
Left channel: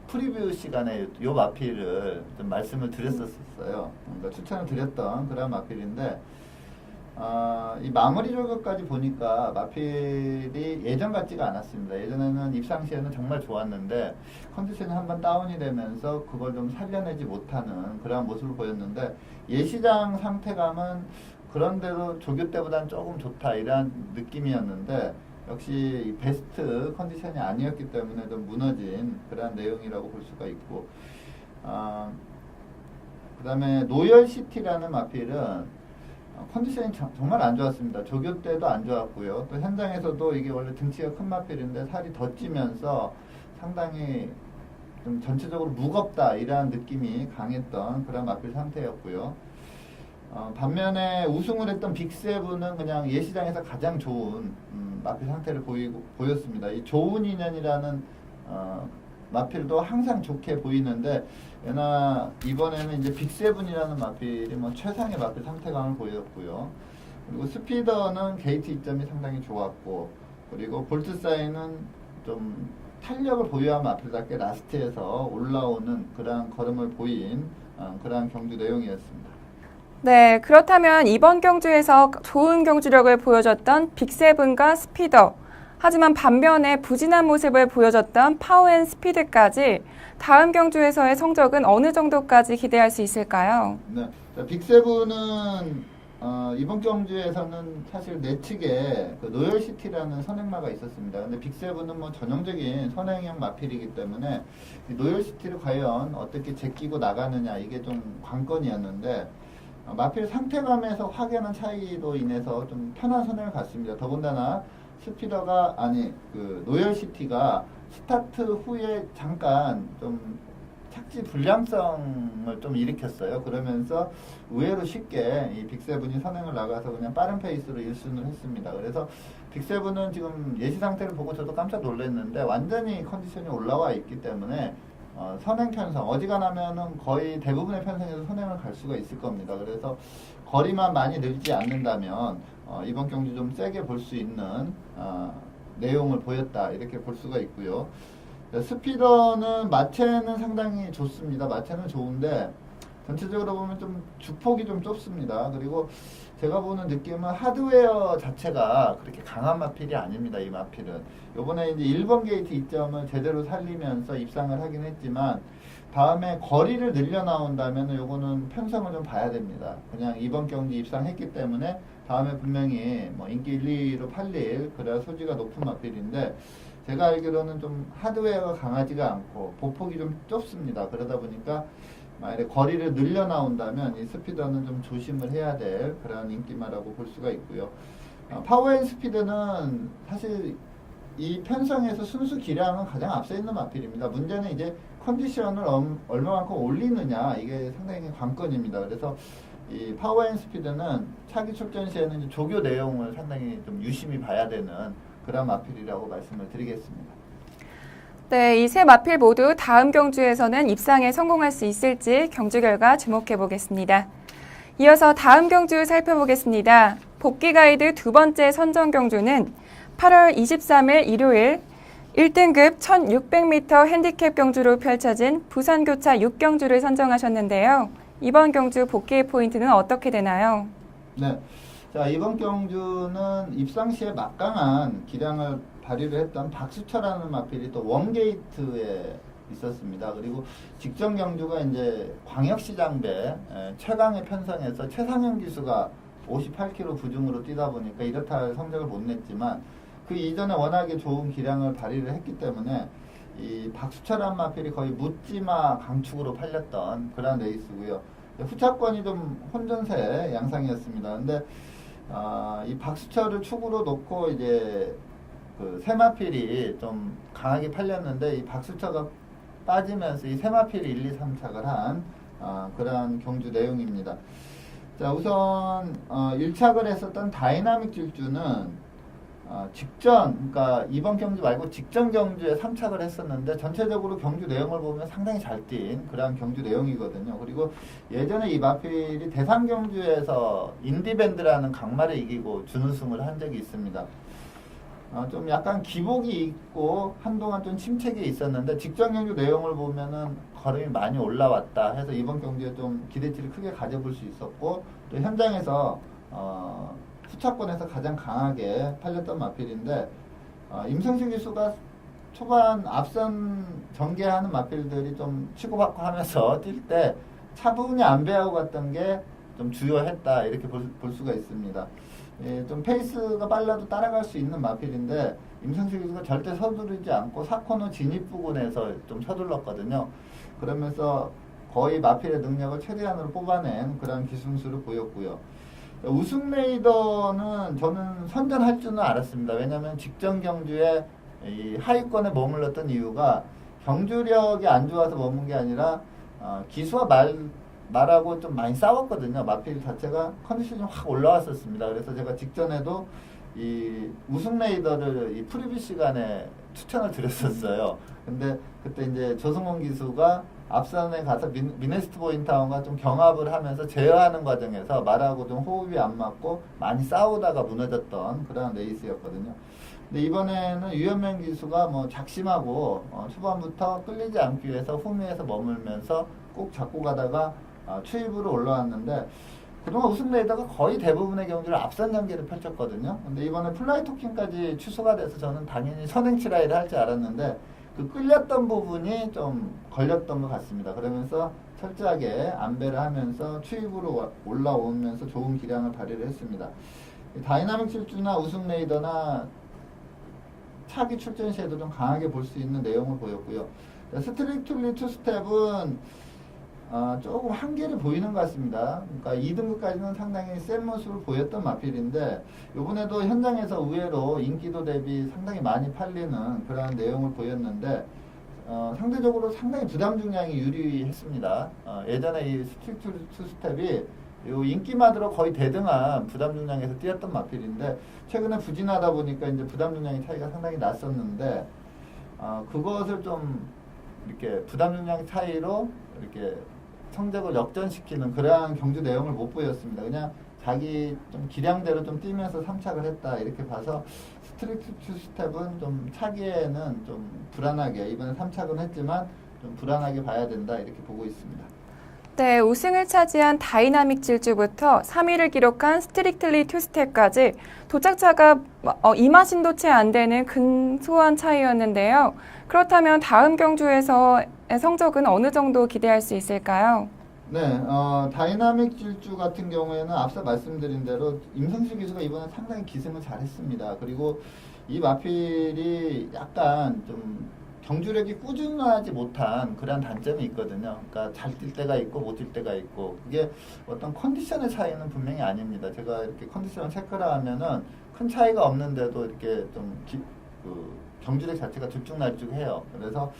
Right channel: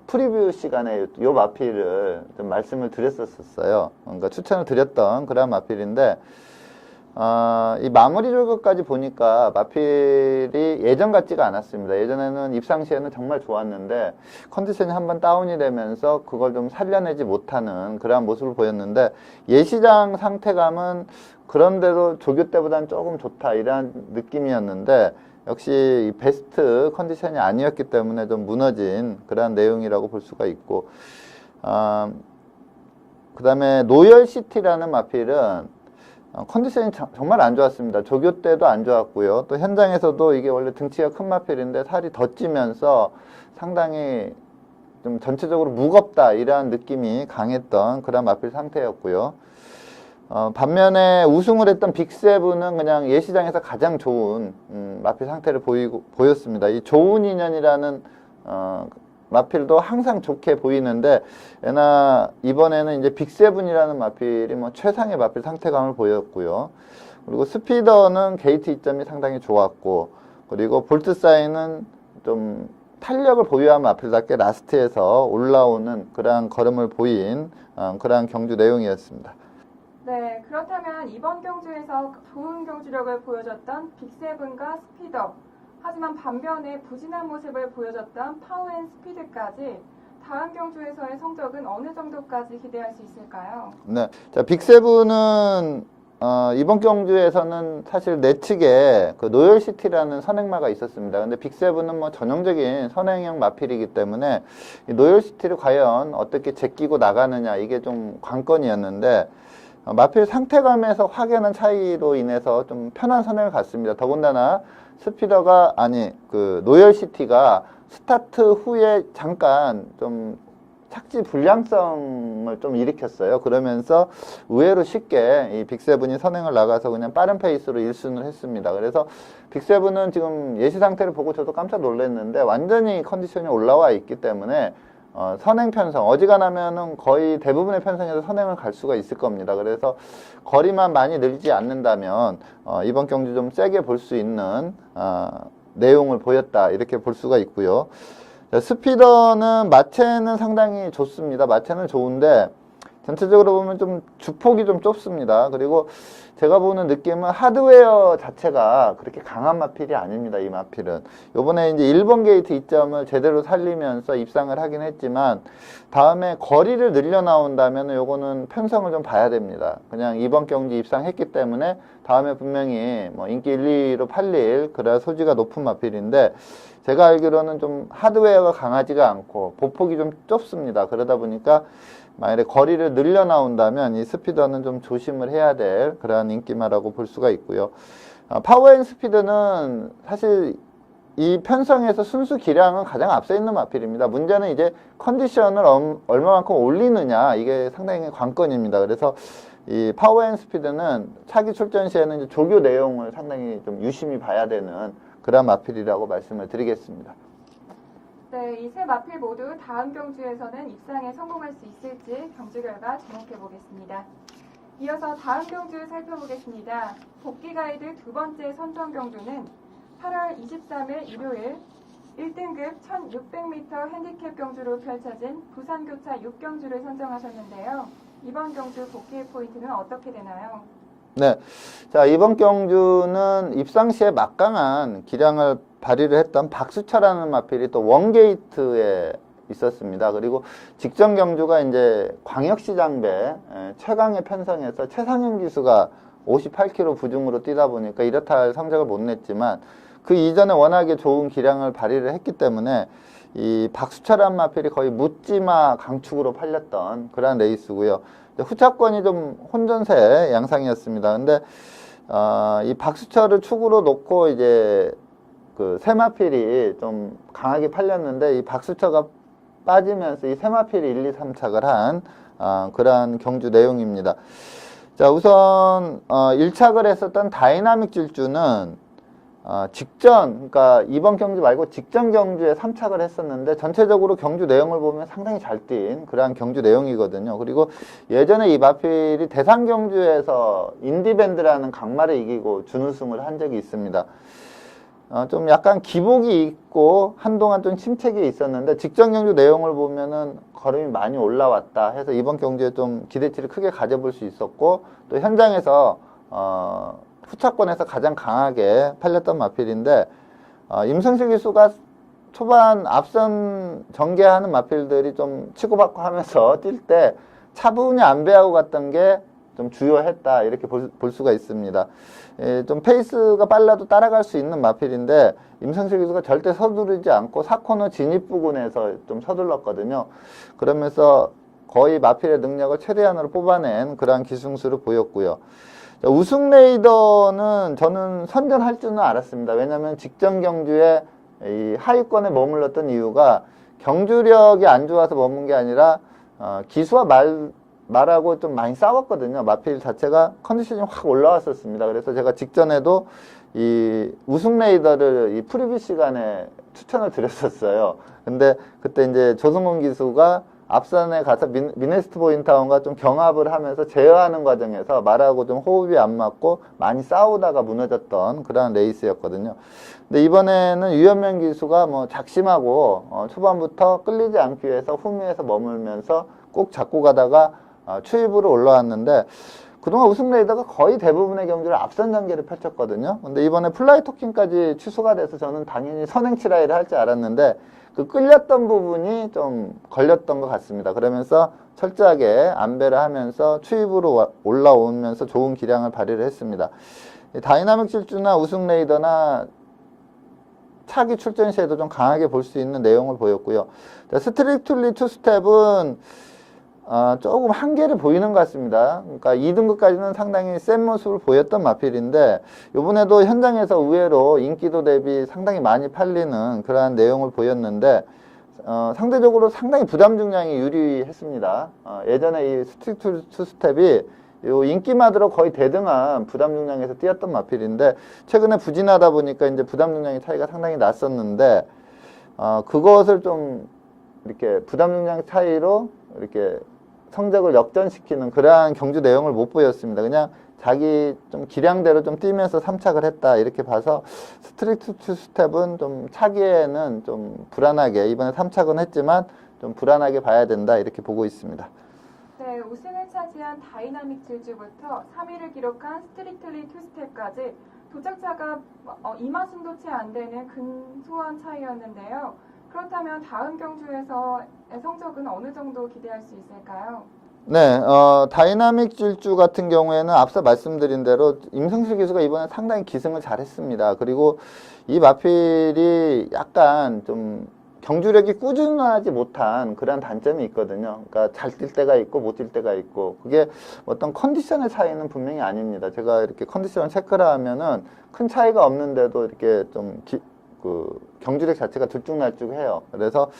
프리뷰 시간에 이 마필을 좀 말씀을 드렸었어요. 그러니까 추천을 드렸던 그런 마필인데, 이 마무리 조교까지 보니까 마필이 예전 같지가 않았습니다. 예전에는 입상 시에는 정말 좋았는데 컨디션이 한번 다운이 되면서 그걸 좀 살려내지 못하는 그러한 모습을 보였는데, 예시장 상태감은 그런데도 조교 때보다는 조금 좋다 이런 느낌이었는데, 역시 베스트 컨디션이 아니었기 때문에 좀 무너진 그러한 내용이라고 볼 수가 있고, 그 다음에 노열시티라는 마필은 컨디션이 정말 안 좋았습니다. 조교 때도 안 좋았고요. 또 현장에서도 이게 원래 등치가 큰 마필인데 살이 더 찌면서 상당히 좀 전체적으로 무겁다 이러한 느낌이 강했던 그런 마필 상태였고요. 반면에 우승을 했던 빅세븐은 그냥 예시장에서 가장 좋은 마필 상태를 보였습니다. 이 좋은 인연이라는 마필도 항상 좋게 보이는데, 애나 이번에는 이제 빅세븐이라는 마필이 뭐 최상의 마필 상태감을 보였고요. 그리고 스피더는 게이트 이점이 상당히 좋았고, 그리고 볼트 사인은 좀 탄력을 보유한 마필답게 라스트에서 올라오는 그러한 걸음을 보인 그러한 경주 내용이었습니다. 네, 그렇다면 이번 경주에서 좋은 경주력을 보여줬던 빅세븐과 스피더, 하지만 반면에 부진한 모습을 보여줬던 파워 앤 스피드까지 다음 경주에서의 성적은 어느 정도까지 기대할 수 있을까요? 네, 자, 빅세븐은 이번 경주에서는 사실 내측에 그 노열시티라는 선행마가 있었습니다. 근데 빅세븐은 뭐 전형적인 선행형 마필이기 때문에 이 노열시티를 과연 어떻게 제끼고 나가느냐, 이게 좀 관건이었는데, 마필 상태감에서 확연한 차이로 인해서 좀 편한 선행을 갔습니다. 더군다나 스피더가 그 노열시티가 스타트 후에 잠깐 좀 착지 불량성을 좀 일으켰어요. 그러면서 의외로 쉽게 이 빅세븐이 선행을 나가서 그냥 빠른 페이스로 1순을 했습니다. 그래서 빅세븐은 지금 예시 상태를 보고 저도 깜짝 놀랐는데 완전히 컨디션이 올라와 있기 때문에 선행 편성, 어지간하면은 거의 대부분의 편성에서 선행을 갈 수가 있을 겁니다. 그래서 거리만 많이 늘지 않는다면 이번 경주 좀 세게 볼 수 있는 내용을 보였다, 이렇게 볼 수가 있고요. 스피더는 마체는 상당히 좋습니다. 마체는 좋은데 전체적으로 보면 좀 주폭이 좀 좁습니다. 그리고 제가 보는 느낌은 하드웨어 자체가 그렇게 강한 마필이 아닙니다. 이 마필은 요번에 이제 1번 게이트 이점을 제대로 살리면서 입상을 하긴 했지만, 다음에 거리를 늘려 나온다면 요거는 편성을 좀 봐야 됩니다. 그냥 이번 경기 입상했기 때문에 다음에 분명히 뭐 인기 1, 2위로 팔릴 그래야 소지가 높은 마필인데, 제가 알기로는 좀 하드웨어가 강하지가 않고 보폭이 좀 좁습니다. 그러다 보니까 만약에 거리를 늘려 나온다면 이 스피더는 좀 조심을 해야 될 그러한 인기마라고 볼 수가 있고요. 파워 앤 스피드는 사실 이 편성에서 순수 기량은 가장 앞서 있는 마필입니다. 문제는 이제 컨디션을 얼마만큼 올리느냐, 이게 상당히 관건입니다. 그래서 이 파워 앤 스피드는 차기 출전 시에는 이제 조교 내용을 상당히 좀 유심히 봐야 되는 그런 마필이라고 말씀을 드리겠습니다. 네, 이 세 마필 모두 다음 경주에서는 입상에 성공할 수 있을지 경주 결과 주목해 보겠습니다. 이어서 다음 경주 살펴보겠습니다. 복귀 가이드 두 번째 선정 경주는 8월 23일 일요일 1등급 1600m 핸디캡 경주로 펼쳐진 부산교차 6경주를 선정하셨는데요. 이번 경주 복귀의 포인트는 어떻게 되나요? 네. 자, 이번 경주는 입상 시에 막강한 기량을 발휘를 했던 박수철라는 마필이 또 원게이트에 있었습니다. 그리고 직전 경주가 이제 광역시장배 최강의 편성에서 최상현 기수가 58km 부중으로 뛰다 보니까 이렇다 할 성적을 못 냈지만, 그 이전에 워낙에 좋은 기량을 발휘를 했기 때문에 이 박수철한 마필이 거의 묻지마 강축으로 팔렸던 그런 레이스고요. 후차권이 좀 혼전세 양상이었습니다. 근데 이 박수철을 축으로 놓고 이제 그 세마필이 좀 강하게 팔렸는데, 이 박수철가 빠지면서 이 세 마필이 1, 2, 3착을 한 그러한 경주 내용입니다. 자, 우선 1착을 했었던 다이나믹 질주는 직전, 그러니까 이번 경주 말고 직전 경주에 3착을 했었는데 전체적으로 경주 내용을 보면 상당히 잘 뛴 그러한 경주 내용이거든요. 그리고 예전에 이 마필이 대상 경주에서 인디밴드라는 강마를 이기고 준우승을 한 적이 있습니다. 좀 약간 기복이 있고 한동안 좀 침체기 있었는데 직전 경주 내용을 보면은 걸음이 많이 올라왔다 해서 이번 경주에 좀 기대치를 크게 가져볼 수 있었고 또 현장에서 후차권에서 가장 강하게 팔렸던 마필인데 임성실 기수가 초반 앞선 전개하는 마필들이 좀 치고받고 하면서 뛸 때 차분히 안배하고 갔던 게 좀 주요했다 이렇게 볼 수가 있습니다. 좀 페이스가 빨라도 따라갈 수 있는 마필인데 임성실 기수가 절대 서두르지 않고 4코너 진입 부근에서 좀 서둘렀거든요. 그러면서 거의 마필의 능력을 최대한으로 뽑아낸 그러한 기승수를 보였고요. 우승 레이더는 저는 선전할 줄은 알았습니다. 왜냐하면 직전 경주에 이 하위권에 머물렀던 이유가 경주력이 안 좋아서 머문 게 아니라 기수와 말하고 좀 많이 싸웠거든요. 마필 자체가 컨디션이 확 올라왔었습니다. 그래서 제가 직전에도 이 우승 레이더를 이 프리뷰 시간에 추천을 드렸었어요. 근데 그때 이제 조성훈 기수가 앞선에 가서 미네스트 보인타운과 좀 경합을 하면서 제어하는 과정에서 말하고 좀 호흡이 안 맞고 많이 싸우다가 무너졌던 그런 레이스였거든요. 근데 이번에는 유현명 기수가 뭐 작심하고 초반부터 끌리지 않기 위해서 후미에서 머물면서 꼭 잡고 가다가 추입으로 올라왔는데 그동안 우승 레이더가 거의 대부분의 경주를 앞선 전개를 펼쳤거든요. 근데 이번에 플라이 토킹까지 취소가 돼서 저는 당연히 선행치라이를 할 줄 알았는데 그 끌렸던 부분이 좀 걸렸던 것 같습니다. 그러면서 철저하게 안배를 하면서 추입으로 올라오면서 좋은 기량을 발휘를 했습니다. 다이나믹 질주나 우승 레이더나 차기 출전 시에도 좀 강하게 볼 수 있는 내용을 보였고요. 스트릭틀리 투스텝은 조금 한계를 보이는 것 같습니다. 그러니까 2등급까지는 상당히 센 모습을 보였던 마필인데 이번에도 현장에서 의외로 인기도 대비 상당히 많이 팔리는 그러한 내용을 보였는데 상대적으로 상당히 부담 중량이 유리했습니다. 예전에 이 스트릭트 투스텝이 요 인기마드로 거의 대등한 부담 중량에서 뛰었던 마필인데 최근에 부진하다 보니까 이제 부담 중량의 차이가 상당히 났었는데 그것을 좀 이렇게 부담 중량 차이로 이렇게 성적을 역전시키는 그러한 경주 내용을 못 보였습니다. 그냥 자기 좀 기량대로 좀 뛰면서 3착을 했다 이렇게 봐서 스트릭트 투스텝은 좀 차기에는 좀 불안하게 이번에 3착은 했지만 좀 불안하게 봐야 된다 이렇게 보고 있습니다. 네, 우승을 차지한 다이나믹 질주부터 3위를 기록한 스트릭틀리 투스텝까지 도착차가 2만 신도 채 안 되는 근소한 차이였는데요. 그렇다면 다음 경주에서의 성적은 어느 정도 기대할 수 있을까요? 네, 다이나믹 질주 같은 경우에는 앞서 말씀드린 대로 임성실 기수가 이번에 상당히 기승을 잘했습니다. 그리고 이 마필이 약간 좀 경주력이 꾸준하지 못한 그런 단점이 있거든요. 그러니까 잘 뛸 때가 있고 못 뛸 때가 있고 그게 어떤 컨디션의 차이는 분명히 아닙니다. 제가 이렇게 컨디션을 체크를 하면은 큰 차이가 없는데도 이렇게 좀 경주력 자체가 들쭉날쭉해요. 그래서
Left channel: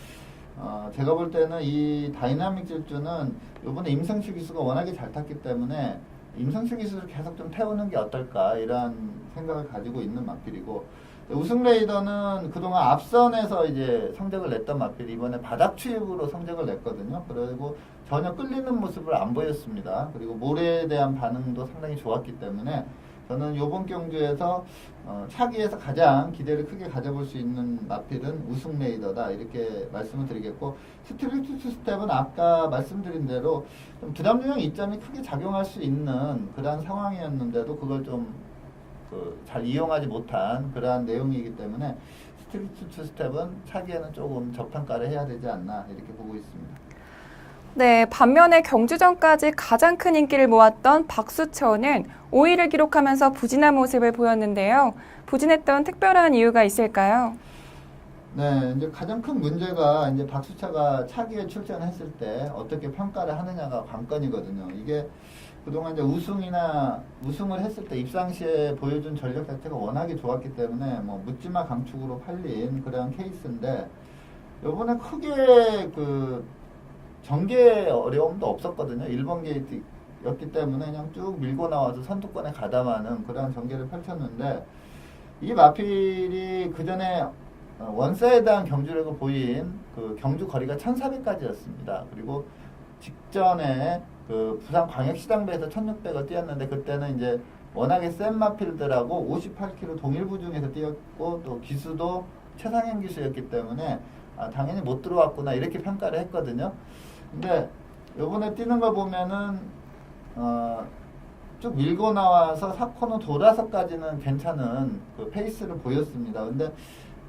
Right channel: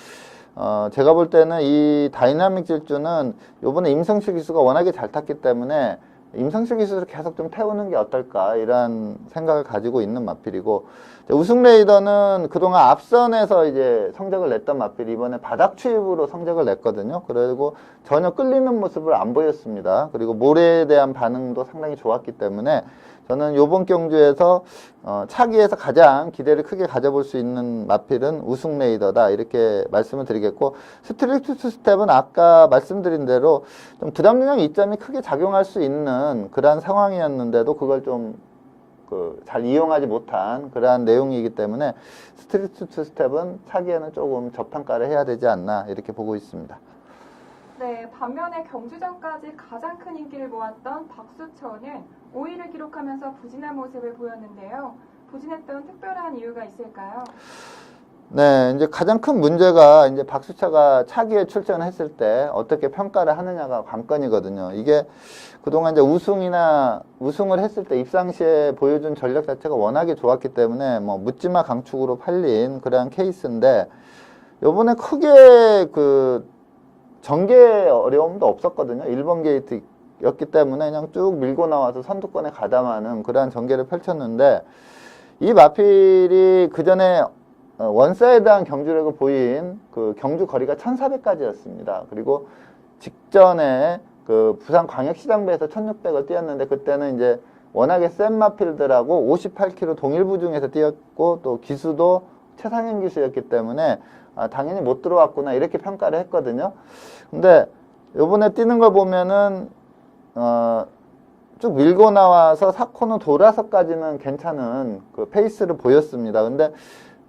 제가 볼 때는 이 다이나믹 질주는 요번에 임성실 기수가 워낙에 잘 탔기 때문에 임성실 기수를 계속 좀 태우는 게 어떨까 이런 생각을 가지고 있는 마필이고 우승 레이더는 그동안 앞선에서 이제 성적을 냈던 마필이 이번에 바닥 추입으로 성적을 냈거든요. 그리고 전혀 끌리는 모습을 안 보였습니다. 그리고 모래에 대한 반응도 상당히 좋았기 때문에 저는 이번 경주에서 차기에서 가장 기대를 크게 가져볼 수 있는 마필은 우승 레이더다 이렇게 말씀을 드리겠고 스트릭트 투스텝은 아까 말씀드린 대로 좀 부담 중량 이점이 크게 작용할 수 있는 그러한 상황이었는데도 그걸 좀 잘 이용하지 못한 그러한 내용이기 때문에 스트릭트 투스텝은 차기에는 조금 접탕가를 해야 되지 않나 이렇게 보고 있습니다. 네, 반면에 경주전까지 가장 큰 인기를 모았던 박수천은 5위를 기록하면서 부진한 모습을 보였는데요. 부진했던 특별한 이유가 있을까요? 네, 이제 가장 큰 문제가 이제 박수차가 차기에 출전했을 때 어떻게 평가를 하느냐가 관건이거든요. 이게 그동안 이제 우승을 했을 때 입상 시에 보여준 전력 자체가 워낙에 좋았기 때문에 뭐 묻지마 강축으로 팔린 그러한 케이스인데 요번에 크게 그 전개 어려움도 없었거든요. 1번 게이트였기 때문에 그냥 쭉 밀고 나와서 선두권에 가담하는 그러한 전개를 펼쳤는데, 이 마필이 그 전에 원사이드한 경주력을 보인 그 경주 거리가 1400까지였습니다. 그리고 직전에 그 부산광역시장배에서 1600을 뛰었는데, 그때는 이제 워낙에 센 마필들하고 58km 동일부 중에서 뛰었고, 또 기수도 최상현 기수였기 때문에 당연히 못 들어왔구나 이렇게 평가를 했거든요. 근데 요번에 뛰는 걸 보면은 쭉 밀고 나와서 4코너 돌아서까지는 괜찮은 그 페이스를 보였습니다. 근데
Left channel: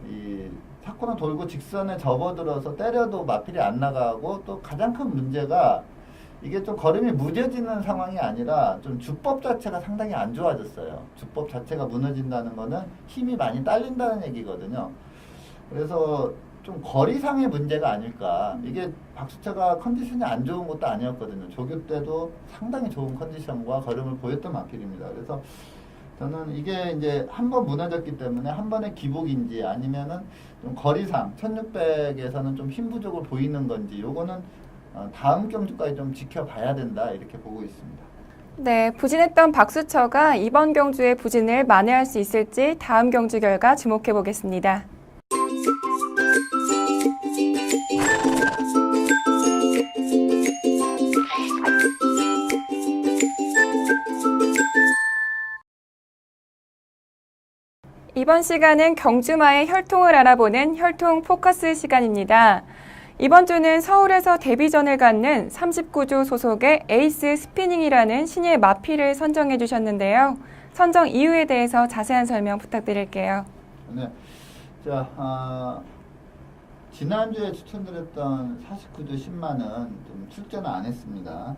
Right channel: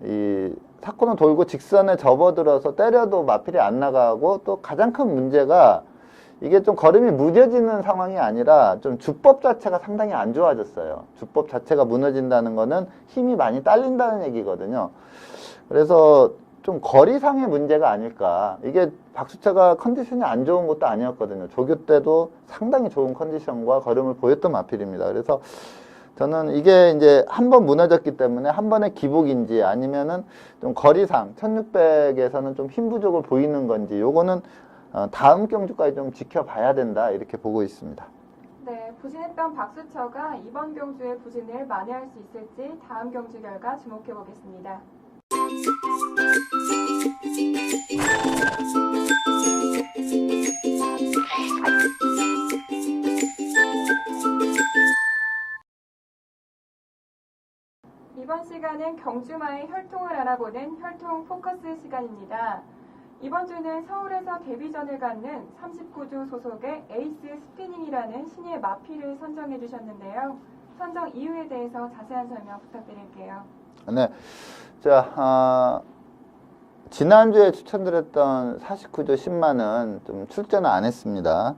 이 4코너 돌고 직선에 접어들어서 때려도 마필이 안 나가고, 또 가장 큰 문제가 이게 좀 걸음이 무뎌지는 상황이 아니라 좀 주법 자체가 상당히 안 좋아졌어요. 주법 자체가 무너진다는 거는 힘이 많이 딸린다는 얘기거든요. 그래서 좀 거리상의 문제가 아닐까. 이게 박수차가 컨디션이 안 좋은 것도 아니었거든요. 조교 때도 상당히 좋은 컨디션과 걸음을 보였던 마필입니다. 그래서 저는 이게 이제 한 번 무너졌기 때문에 한 번의 기복인지, 아니면은 좀 거리상 1600에서는 좀 힘 부족을 보이는 건지, 요거는 다음 경주까지 좀 지켜봐야 된다 이렇게 보고 있습니다. 네, 부진했던 박수처가 이번 경주의 부진을 만회할 수 있을지 다음 경주 결과 주목해 보겠습니다. 이번 시간은 경주마의 혈통을 알아보는 혈통 포커스 시간입니다. 이번 주는 서울에서 데뷔전을 갖는 39조 소속의 에이스 스피닝이라는 신예 마필을 선정해 주셨는데요. 선정 이유에 대해서 자세한 설명 부탁드릴게요. 네. 자, 지난주에 추천드렸던 49조 10만은 좀 출전을 안 했습니다.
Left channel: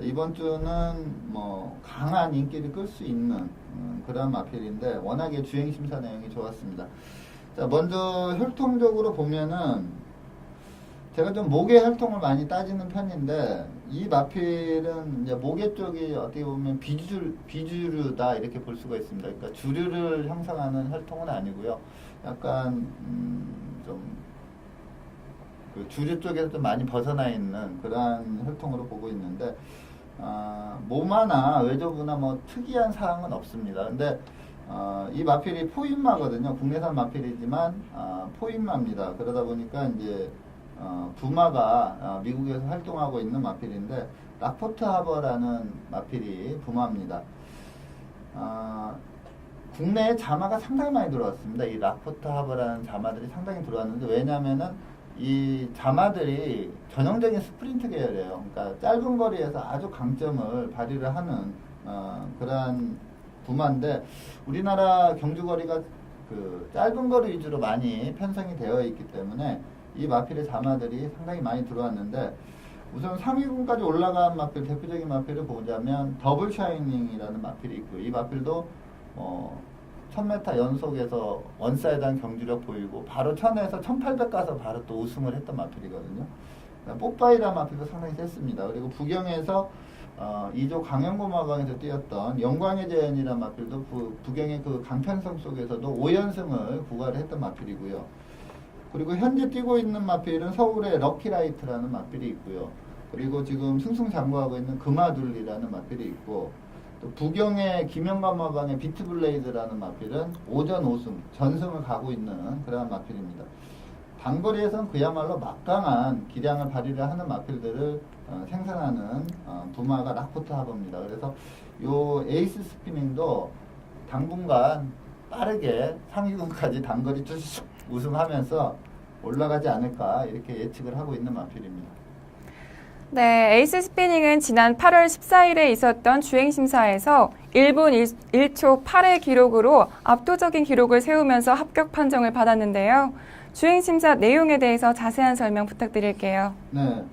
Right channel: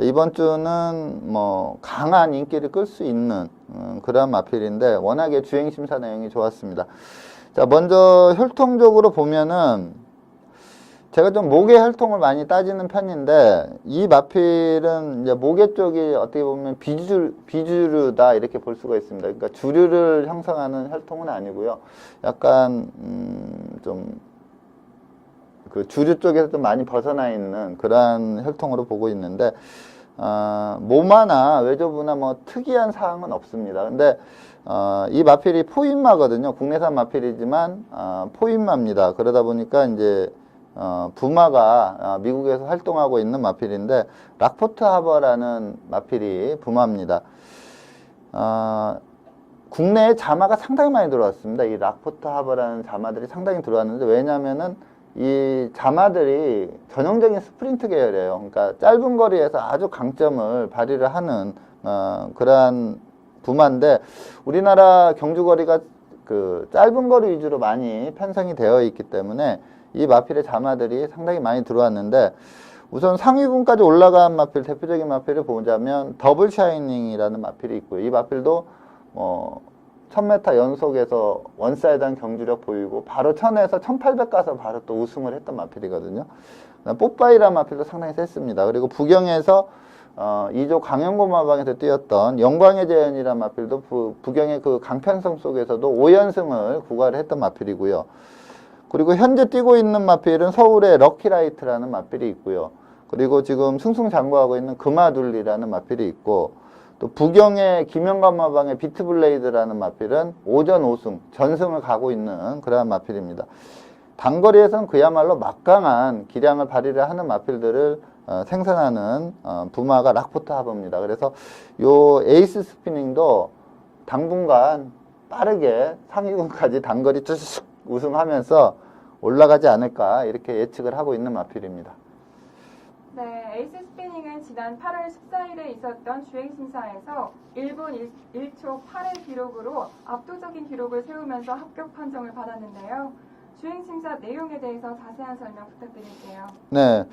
이번 주는 뭐 강한 인기를 끌 수 있는 그런 마필인데, 워낙에 주행심사 내용이 좋았습니다. 자, 먼저 혈통적으로 보면은 제가 좀 목의 혈통을 많이 따지는 편인데, 이 마필은 이제 목의 쪽이 어떻게 보면 비주류다 이렇게 볼 수가 있습니다. 그러니까 주류를 형성하는 혈통은 아니고요. 약간 좀 그 주류 쪽에서 좀 많이 벗어나 있는 그러한 혈통으로 보고 있는데, 모마나 외조부나 뭐 특이한 사항은 없습니다. 근데 이 마필이 포인마거든요. 국내산 마필이지만 포인마입니다. 그러다 보니까 이제 부마가 미국에서 활동하고 있는 마필인데, 락포트 하버라는 마필이 부마입니다. 국내에 자마가 상당히 많이 들어왔습니다. 이 락포트 하버라는 자마들이 상당히 들어왔는데, 왜냐면은 이 자마들이 전형적인 스프린트 계열이에요. 그러니까 짧은 거리에서 아주 강점을 발휘를 하는 그러한 부마인데, 우리나라 경주 거리가 그 짧은 거리 위주로 많이 편성이 되어 있기 때문에 이 마필의 자마들이 상당히 많이 들어왔는데, 우선 상위군까지 올라간 마필, 대표적인 마필을 보자면 더블 샤이닝이라는 마필이 있고요. 이 마필도 1000m 연속에서 원사이드한 경주력 보이고, 바로 1000에서 1800 가서 바로 또 우승을 했던 마필이거든요. 뽀빠이라는 마필도 상당히 셌습니다. 그리고 부경에서 2조 강영고마방에서 뛰었던 영광의 재현이라는 마필도 부경의 그 강편성 속에서도 5연승을 구가를 했던 마필이고요. 그리고 현재 뛰고 있는 마필은 서울의 럭키라이트라는 마필이 있고요. 그리고 지금 승승장구하고 있는 금화둘리라는 마필이 있고, 또 부경의 김영감마방의 비트블레이드라는 마필은 5전 5승, 전승을 가고 있는 그러한 마필입니다. 단거리에서는 그야말로 막강한 기량을 발휘를 하는 마필들을 생산하는 부마가 락포트 하버입니다. 그래서 요 에이스 스피닝도 당분간 빠르게 상위군까지 단거리 쭉 우승하면서 올라가지 않을까 이렇게 예측을 하고 있는 마필입니다. 네, 에이스 스피닝은 지난 8월 14일에 있었던 주행심사에서 1분 1초 8의 기록으로 압도적인 기록을 세우면서 합격 판정을 받았는데요. 주행심사 내용에 대해서 자세한 설명 부탁드릴게요. 네.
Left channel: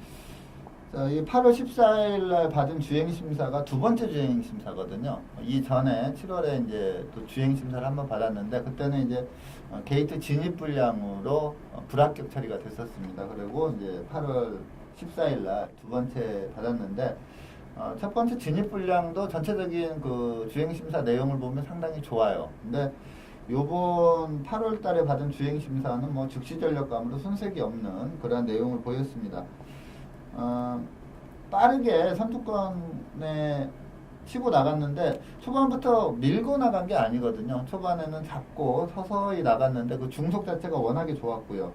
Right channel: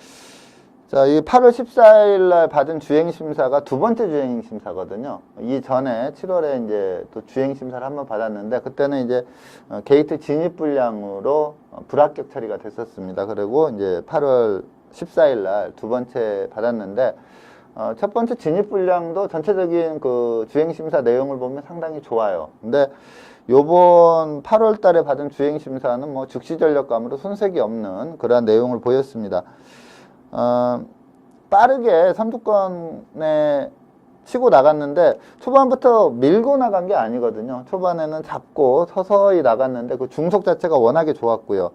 자, 이 8월 14일 날 받은 주행심사가 두 번째 주행심사거든요. 이 전에 7월에 이제 또 주행심사를 한번 받았는데, 그때는 이제 게이트 진입 불량으로 불합격 처리가 됐었습니다. 그리고 이제 8월 14일 날 두 번째 받았는데, 첫 번째 진입 불량도 전체적인 그 주행심사 내용을 보면 상당히 좋아요. 근데 요번 8월 달에 받은 주행 심사는 뭐 즉시 전력감으로 손색이 없는 그러한 내용을 보였습니다. 빠르게 선두권에 치고 나갔는데 초반부터 밀고 나간 게 아니거든요. 초반에는 잡고 서서히 나갔는데 그 중속 자체가 워낙에 좋았고요.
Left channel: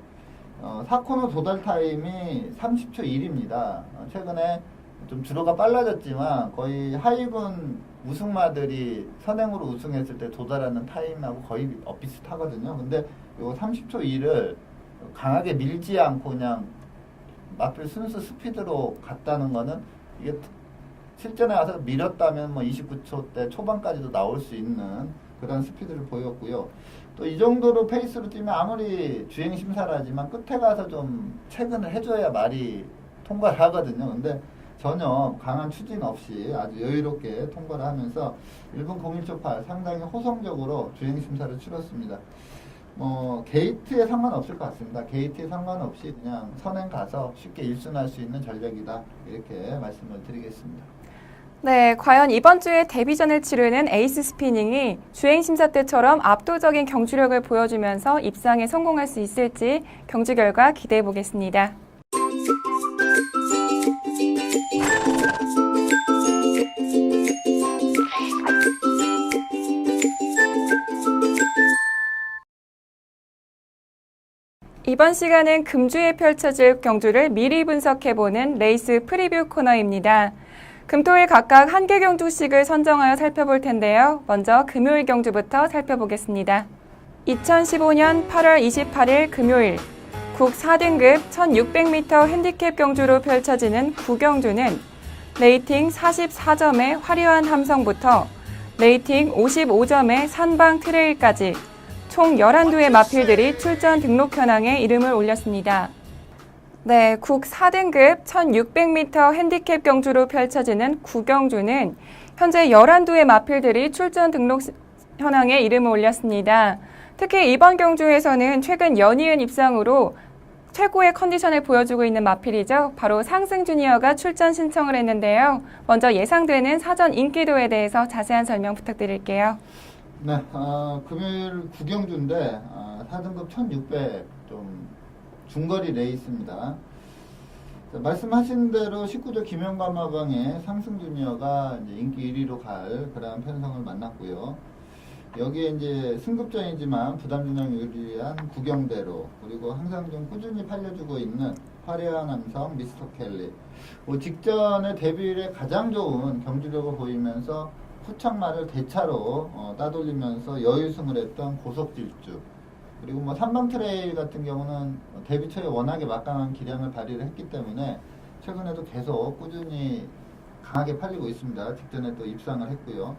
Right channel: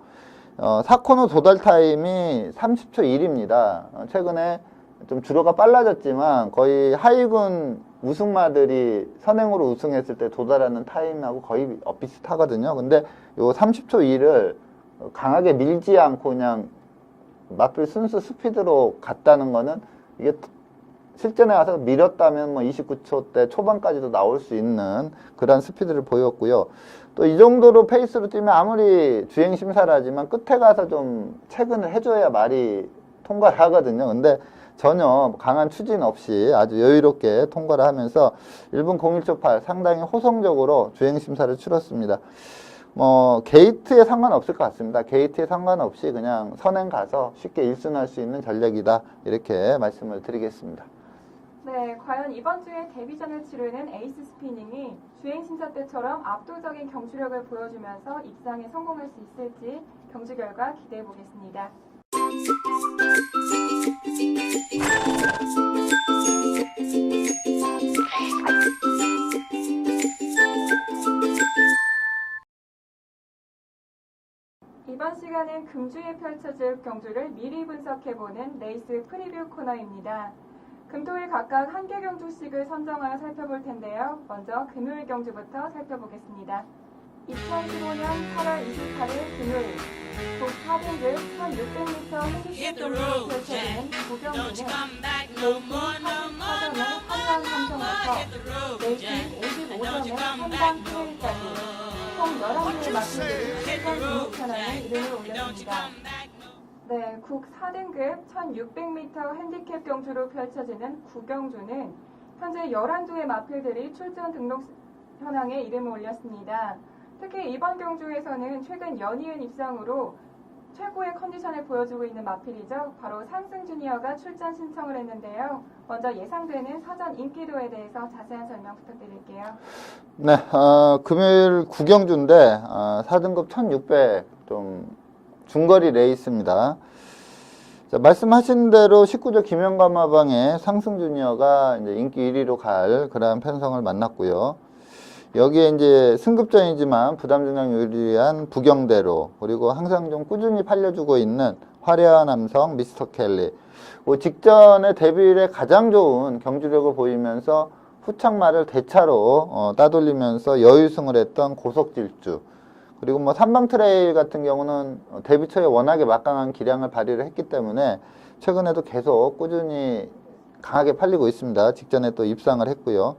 4코너 도달 타임이 30초 1입니다. 최근에 좀 주로가 빨라졌지만 거의 하위군 우승마들이 선행으로 우승했을 때 도달하는 타임하고 거의 비슷하거든요. 근데 요 30초 1을 강하게 밀지 않고 그냥 마필 순수 스피드로 갔다는 거는 이게 실전에 와서 밀었다면 뭐 29초 대 초반까지도 나올 수 있는 그런 스피드를 보였고요. 또 이 정도로 페이스로 뛰면 아무리 주행 심사를 하지만 끝에 가서 좀 체근을 해줘야 말이 통과를 하거든요. 근데 전혀 강한 추진 없이 아주 여유롭게 통과를 하면서 1분 01초 8 상당히 호성적으로 주행 심사를 치렀습니다. 뭐 게이트에 상관없을 것 같습니다. 게이트에 상관없이 그냥 선행 가서 쉽게 1순할 수 있는 전략이다. 이렇게 말씀을 드리겠습니다. 네, 과연 이번 주에 데뷔전을 치르는 에이스 스피닝이 주행 심사 때처럼 압도적인 경주력을 보여주면서 입상에 성공할 수 있을지 경주 결과 기대해 보겠습니다. 이번 시간은 금주에 펼쳐질 경주를 미리 분석해보는 레이스 프리뷰 코너입니다. 금토일 각각 한 개 경주씩을 선정하여 살펴볼 텐데요. 먼저 금요일 경주부터 살펴보겠습니다. 2015년 8월 28일 금요일 국 4등급 1600m 핸디캡 경주로 펼쳐지는 구경주는 레이팅 44점의 화려한 함성부터 레이팅 55점의 산방 트레일까지 총 11두의 마필들이 출전 등록 현황에 이름을 올렸습니다. 네, 국 4등급 1600m 핸디캡 경주로 펼쳐지는 구경주는 현재 11두의 마필들이 출전 등록 현황에 이름을 올렸습니다. 특히 이번 경주에서는 최근 연이은 입상으로 최고의 컨디션을 보여주고 있는 마필이죠. 바로 상승 주니어가 출전 신청을 했는데요. 먼저 예상되는 사전 인기도에 대해서 자세한 설명 부탁드릴게요. 네, 금요일 구경주인데 4등급 1600 좀 중거리 레이스입니다. 자, 말씀하신 대로 19조 김영감마방의 상승 주니어가 이제 인기 1위로 갈 그런 편성을 만났고요. 여기에 이제 승급전이지만 부담 중량 유리한 구경대로 그리고 항상 좀 꾸준히 팔려주고 있는 화려한 함성 미스터 켈리. 직전에 데뷔일에 가장 좋은 경주력을 보이면서 후창마를 대차로 따돌리면서 여유승을 했던 고속질주. 그리고 뭐 삼방 트레일 같은 경우는 데뷔 초에 워낙에 막강한 기량을 발휘를 했기 때문에 최근에도 계속 꾸준히 강하게 팔리고 있습니다. 직전에 또 입상을 했고요.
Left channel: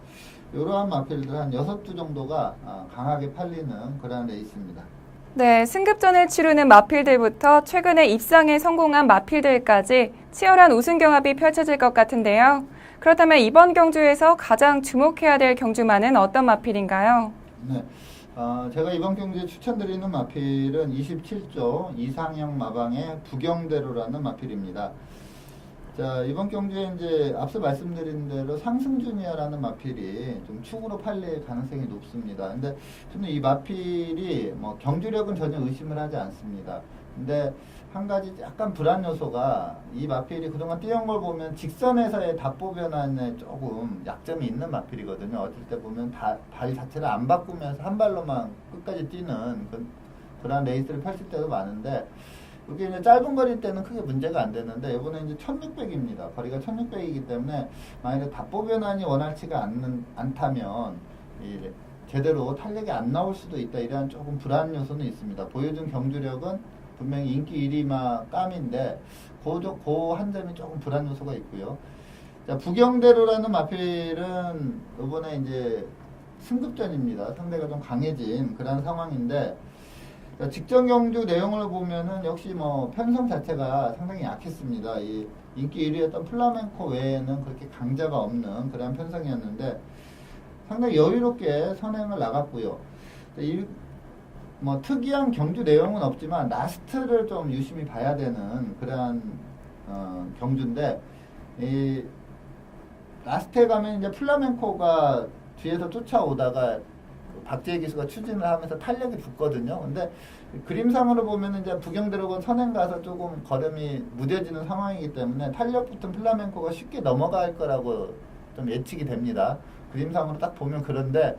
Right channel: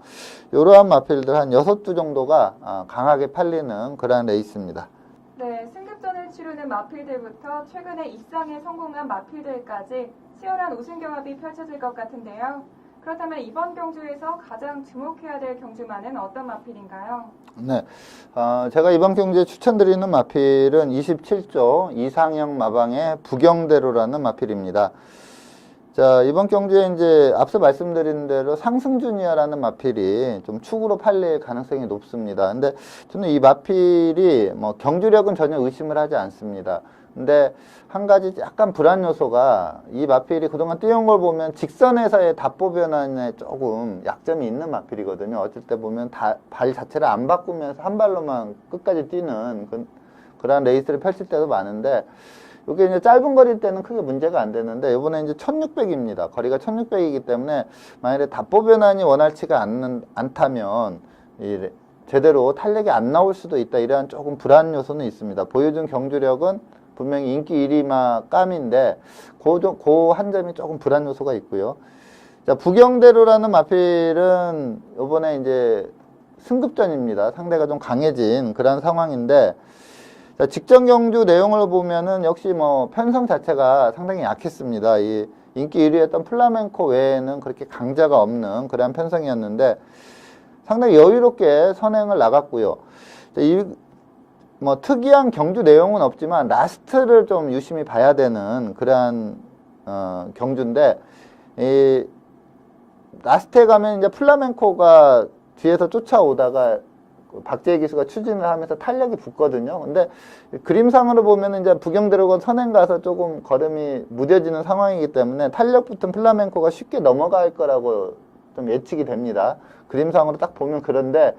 이러한 마필들 한 6두 정도가 강하게 팔리는 그런 레이스입니다. 네, 승급전을 치르는 마필들부터 최근에 입상에 성공한 마필들까지 치열한 우승 경합이 펼쳐질 것 같은데요. 그렇다면 이번 경주에서 가장 주목해야 될 경주마는 어떤 마필인가요? 네, 제가 이번 경주에 추천드리는 마필은 27조 이상형 마방의 부경대로라는 마필입니다. 자, 이번 경주에 이제 앞서 말씀드린 대로 상승주니어라는 마필이 좀 축으로 팔릴 가능성이 높습니다. 근데 저는 이 마필이 뭐 경주력은 전혀 의심을 하지 않습니다. 근데 한 가지 약간 불안 요소가 이 마필이 그동안 뛰어온 걸 보면 직선에서의 답보 변환에 조금 약점이 있는 마필이거든요. 어쩔 때 보면 발 자체를 안 바꾸면서 한 발로만 끝까지 뛰는 그런 레이스를 펼칠 때도 많은데 이게 이제 짧은 거리일 때는 크게 문제가 안 되는데 이번에 이제 1600입니다. 거리가 1600이기 때문에 만약에 답보 변환이 원활치가 않다면 제대로 탄력이 안 나올 수도 있다. 이러한 조금 불안 요소는 있습니다. 보여준 경주력은 분명히 인기 1위마 깜인데 그 한 점이 조금 불안 요소가 있고요. 자, 부경대로라는 마필은 이번에 이제 승급전입니다. 상대가 좀 강해진 그런 상황인데 자, 직전 경주 내용을 보면은 역시 뭐 편성 자체가 상당히 약했습니다. 이 인기 1위였던 플라멩코 외에는 그렇게 강자가 없는 그런 편성이었는데 상당히 여유롭게 선행을 나갔고요. 이 뭐 특이한 경주 내용은 없지만 라스트를 좀 유심히 봐야 되는 그러한 경주인데 이 라스트에 가면 이제 플라멩코가 뒤에서 쫓아오다가 박재희 기수가 추진을 하면서 탄력이 붙거든요. 근데 그림상으로 보면 이제 부경대로가 선행 가서 조금 걸음이 무뎌지는 상황이기 때문에 탄력 붙은 플라멩코가 쉽게 넘어갈 거라고 좀 예측이 됩니다. 그림상으로 딱 보면 그런데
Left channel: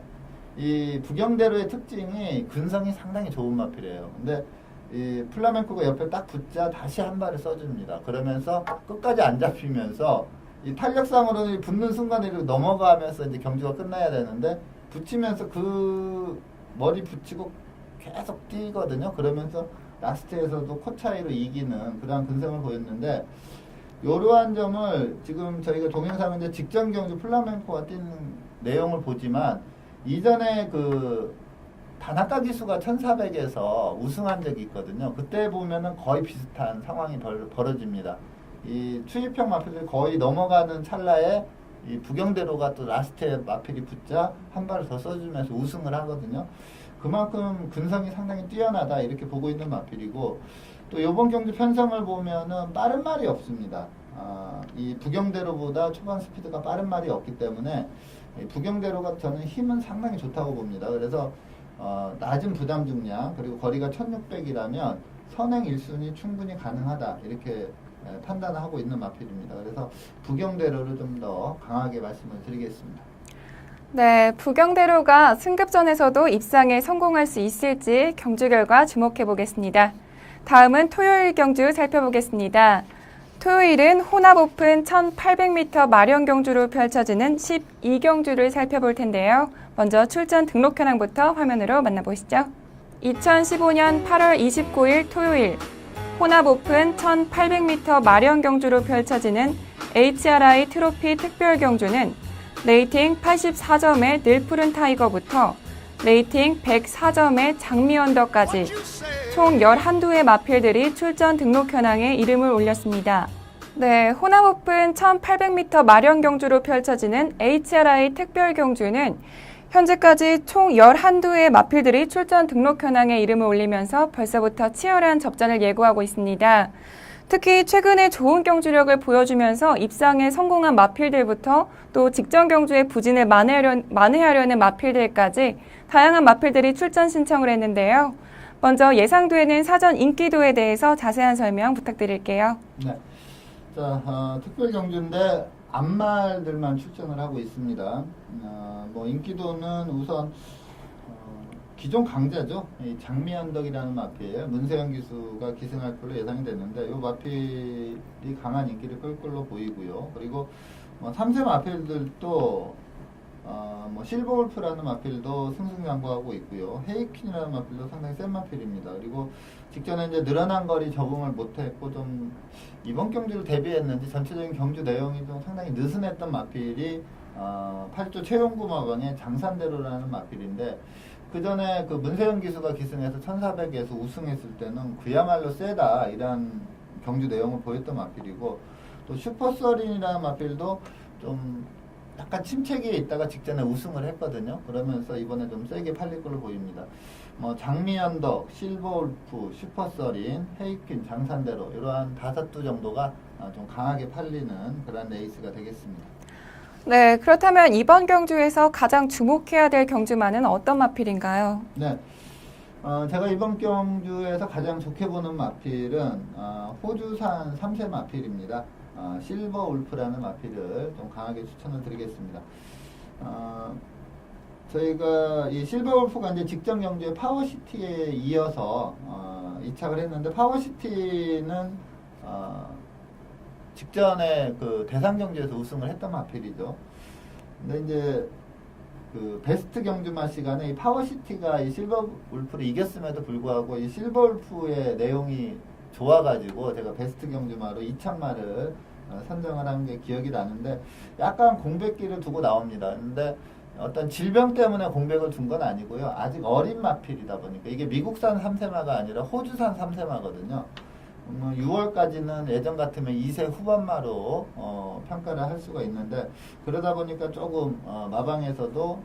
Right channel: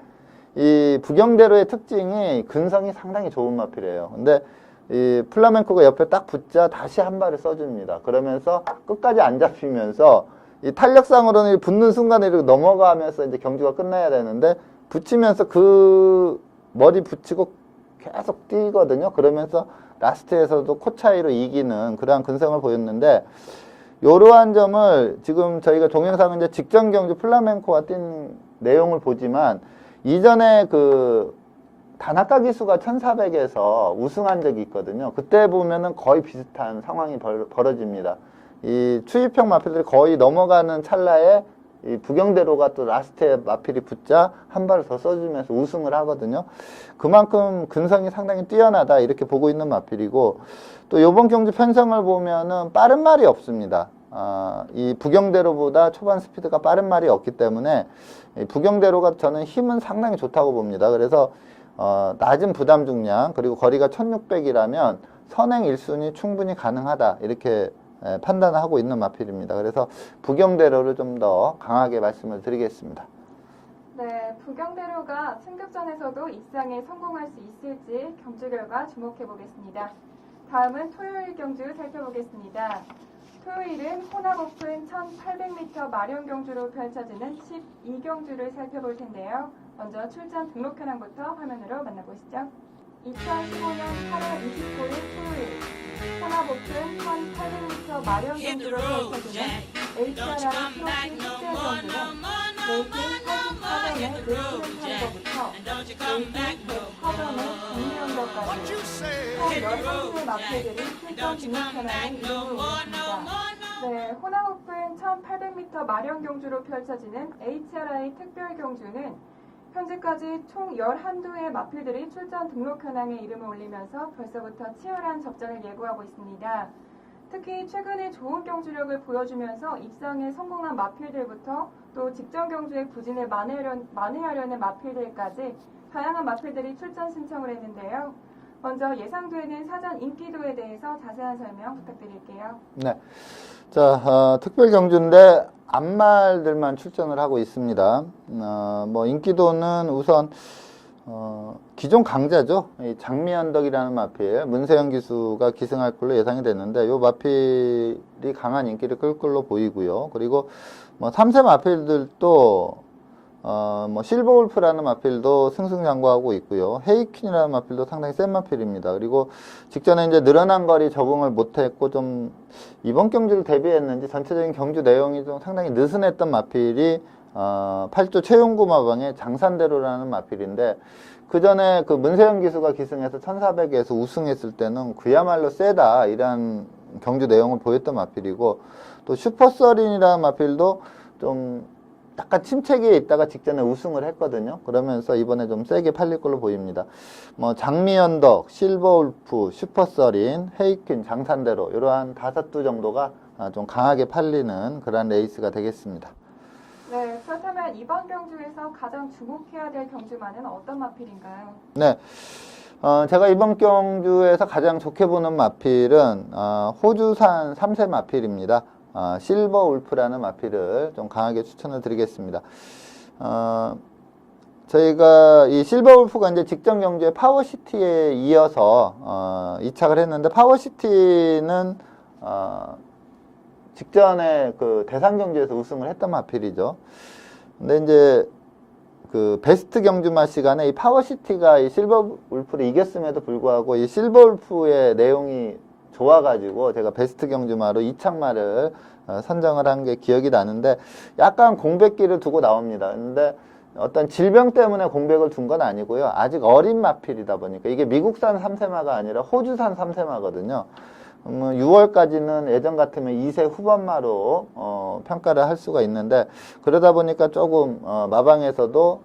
이 부경대로의 특징이 근성이 상당히 좋은 마필이에요. 근데 이 플라멩코가 옆에 딱 붙자 다시 한 발을 써줍니다. 그러면서 끝까지 안 잡히면서 이 탄력상으로는 붙는 순간에 이렇게 넘어가면서 이제 경주가 끝나야 되는데 붙이면서 그 머리 붙이고 계속 뛰거든요. 그러면서 라스트에서도 코 차이로 이기는 그러한 근성을 보였는데 이러한 점을 지금 저희가 동영상은 이제 직전 경주 플라멩코가 뛴 내용을 보지만 이전에 그 다나카 기수가 1400에서 우승한 적이 있거든요. 그때 보면은 거의 비슷한 상황이 벌어집니다. 이 추입형 마필들이 거의 넘어가는 찰나에 이 부경대로가 또 라스트에 마필이 붙자 한 발을 더 써주면서 우승을 하거든요. 그만큼 근성이 상당히 뛰어나다 이렇게 보고 있는 마필이고 또 이번 경주 편성을 보면은 빠른 말이 없습니다. 이 부경대로보다 초반 스피드가 빠른 말이 없기 때문에 이 부경대로가 저는 힘은 상당히 좋다고 봅니다. 그래서 낮은 부담 중량 그리고 거리가 1600이라면 선행 1순위 충분히 가능하다 이렇게 판단하고 있는 마필입니다. 그래서 부경대로를 좀 더 강하게 말씀을 드리겠습니다. 네, 부경대로가 승급전에서도 입상에 성공할 수 있을지 경주 결과 주목해 보겠습니다. 다음은 토요일 경주 살펴보겠습니다. 토요일은 혼합 오픈 1800m 마련 경주로 펼쳐지는 12경주를 살펴볼 텐데요. 먼저 출전 등록 현황부터 화면으로 만나보시죠. 2015년 8월 29일 토요일 혼합 오픈 1800m 마련 경주로 펼쳐지는 HRI 트로피 특별 경주는 레이팅 84점의 늘푸른 타이거부터 레이팅 104점의 장미 언더까지 총 11두의 마필들이 출전 등록 현황에 이름을 올렸습니다. 네, 혼합 오픈 1800m 마련 경주로 펼쳐지는 HRI 특별 경주는 현재까지 총 11두의 마필들이 출전 등록 현황에 이름을 올리면서 벌써부터 치열한 접전을 예고하고 있습니다. 특히 최근에 좋은 경주력을 보여주면서 입상에 성공한 마필들부터 또 직전 경주의 부진을 만회하려는 마필들까지 다양한 마필들이 출전 신청을 했는데요. 먼저 예상되는 사전 인기도에 대해서 자세한 설명 부탁드릴게요. 네, 자 특별 경주인데 암말들만 출전을 하고 있습니다. 뭐 인기도는 우선 기존 강자죠. 이 장미언덕이라는 마필 문세영 기수가 기승할 걸로 예상이 됐는데 이 마필이 강한 인기를 끌 걸로 보이고요. 그리고 뭐 3세 마필들도 뭐 실버울프라는 마필도 승승장구하고 있고요. 헤이퀸이라는 마필도 상당히 센 마필입니다. 그리고 직전에 이제 늘어난 거리 적응을 못했고 좀 이번 경주를 대비했는지 전체적인 경주 내용이 좀 상당히 느슨했던 마필이 8조 최용구 마방의 장산대로라는 마필인데 그 전에 그 문세영 기수가 기승해서 1400에서 우승했을 때는 그야말로 세다 이런 경주 내용을 보였던 마필이고 또 슈퍼서린이라는 마필도 좀 약간 침체기에 있다가 직전에 우승을 했거든요. 그러면서 이번에 좀 세게 팔릴 걸로 보입니다. 뭐 장미언덕, 실버울프, 슈퍼서린, 헤이퀸, 장산대로 이러한 5두 정도가 좀 강하게 팔리는 그런 레이스가 되겠습니다. 네, 그렇다면 이번 경주에서 가장 주목해야 될 경주마는 어떤 마필인가요? 네, 제가 이번 경주에서 가장 좋게 보는 마필은 호주산 3세 마필입니다. 실버 울프라는 마필을 좀 강하게 추천을 드리겠습니다. 저희가 이 실버 울프가 이제 직전 경주에 파워시티에 이어서 이착을 했는데 파워시티는 직전에 그 대상 경주에서 우승을 했던 마필이죠. 근데 이제 그 베스트 경주마 시간에 이 파워시티가 이 실버 울프를 이겼음에도 불구하고 이 실버 울프의 내용이 좋아가지고 제가 베스트 경주마로 이착마를 선정을 한 게 기억이 나는데 약간 공백기를 두고 나옵니다. 근데 어떤 질병 때문에 공백을 둔 건 아니고요. 아직 어린 마필이다 보니까 이게 미국산 3세마가 아니라 호주산 3세마거든요. 6월까지는 예전 같으면 2세 후반마로 평가를 할 수가 있는데 그러다 보니까 조금 마방에서도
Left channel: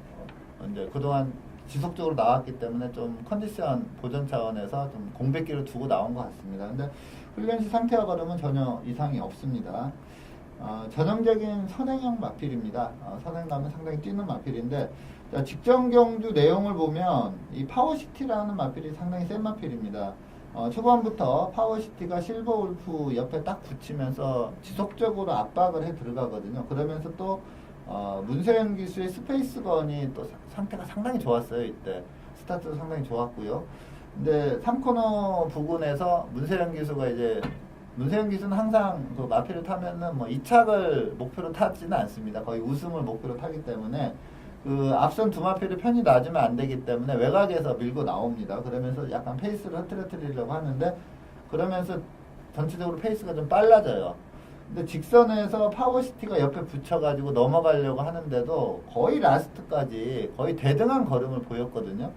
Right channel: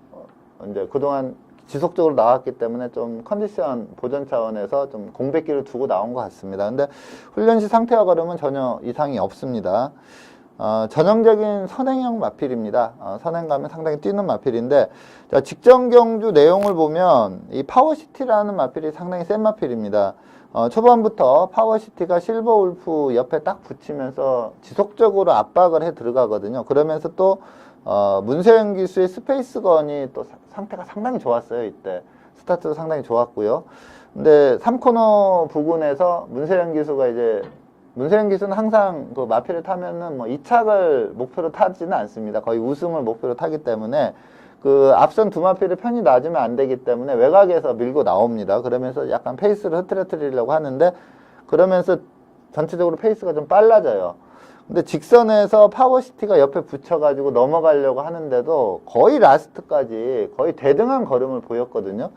이제 그동안 지속적으로 나왔기 때문에 좀 컨디션 보존 차원에서 좀 공백기를 두고 나온 것 같습니다. 근데 훈련시 상태와 걸음은 전혀 이상이 없습니다. 전형적인 선행형 마필입니다. 선행 가면 상당히 뛰는 마필인데, 자, 직전 경주 내용을 보면 이 파워시티라는 마필이 상당히 센 마필입니다. 초반부터 파워시티가 실버울프 옆에 딱 붙이면서 지속적으로 압박을 해 들어가거든요. 그러면서 또 문세영 기수의 스페이스건이 또 상태가 상당히 좋았어요. 이때 스타트도 상당히 좋았고요. 근데 3코너 부근에서 문세영 기수는 항상 그 마필을 타면은 뭐 2착을 목표로 타지는 않습니다. 거의 우승을 목표로 타기 때문에 그 앞선 두 마필을 편히 놔주면 안 되기 때문에 외곽에서 밀고 나옵니다. 그러면서 약간 페이스를 흐트러뜨리려고 하는데, 그러면서 전체적으로 페이스가 좀 빨라져요. 근데 직선에서 파워시티가 옆에 붙여가지고 넘어가려고 하는데도 거의 라스트까지 거의 대등한 걸음을 보였거든요.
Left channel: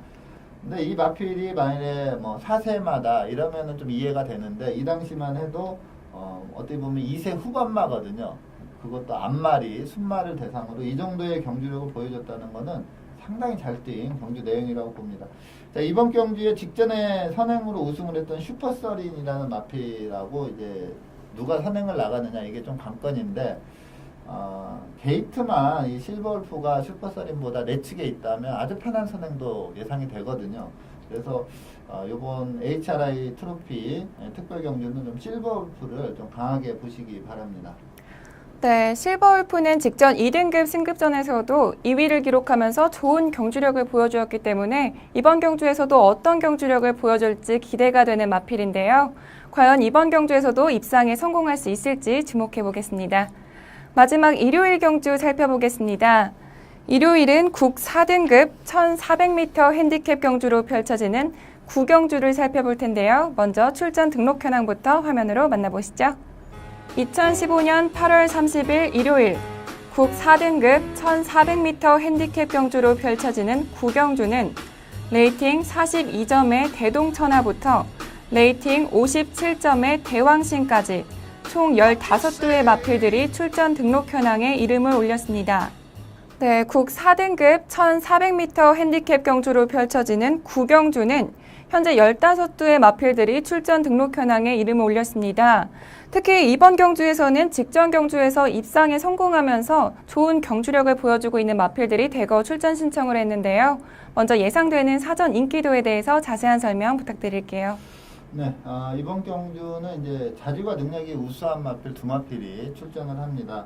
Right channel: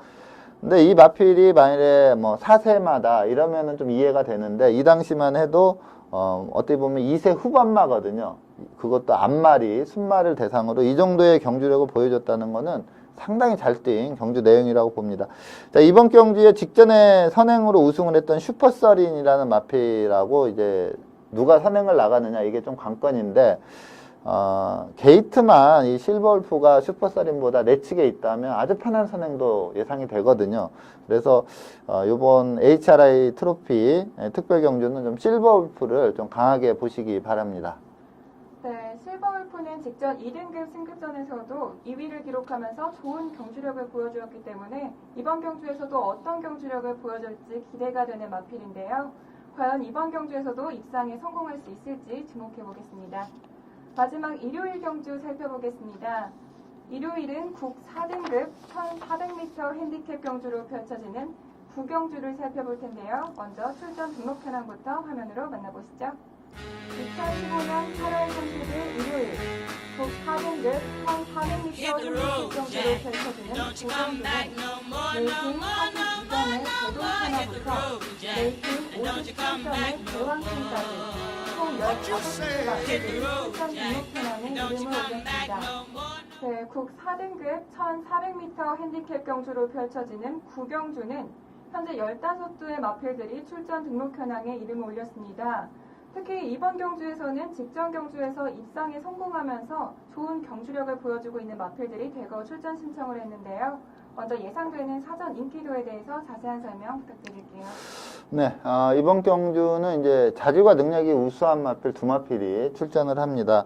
근데 이 마필이 만일에 뭐 4세마다 이러면은 좀 이해가 되는데, 이 당시만 해도 어떻게 보면 2세 후반마거든요. 그것도 앞마리, 순마를 대상으로 이 정도의 경주력을 보여줬다는 거는 상당히 잘 뛴 경주 내용이라고 봅니다. 자, 이번 경주에 직전에 선행으로 우승을 했던 슈퍼서린이라는 마필하고 이제 누가 선행을 나가느냐, 이게 좀 관건인데, 게이트만 이 실버울프가 슈퍼서린보다 내측에 있다면 아주 편한 선행도 예상이 되거든요. 그래서 이번 HRI 트로피 특별 경주는 좀 실버울프를 좀 강하게 보시기 바랍니다. 네, 실버울프는 직전 2등급 승급전에서도 2위를 기록하면서 좋은 경주력을 보여주었기 때문에 이번 경주에서도 어떤 경주력을 보여줄지 기대가 되는 마필인데요. 과연 이번 경주에서도 입상에 성공할 수 있을지 주목해 보겠습니다. 마지막 일요일 경주 살펴보겠습니다. 일요일은 국 4등급 1400m 핸디캡 경주로 펼쳐지는 구경주를 살펴볼 텐데요. 먼저 출전 등록 현황부터 화면으로 만나보시죠. 2015년 8월 30일 일요일 국 4등급 1400m 핸디캡 경주로 펼쳐지는 구경주는 레이팅 42점의 대동천하부터 레이팅 57점의 대왕신까지 총 15두의 마필들이 출전 등록 현황에 이름을 올렸습니다. 네, 국 4등급 1400m 핸디캡 경주로 펼쳐지는 구경주는 현재 15두의 마필들이 출전 등록 현황에 이름을 올렸습니다. 특히 이번 경주에서는 직전 경주에서 입상에 성공하면서 좋은 경주력을 보여주고 있는 마필들이 대거 출전 신청을 했는데요. 먼저 예상되는 사전 인기도에 대해서 자세한 설명 부탁드릴게요. 네, 이번 경주는 이제 자질과 능력이 우수한 마필 두 마필이 출전을 합니다.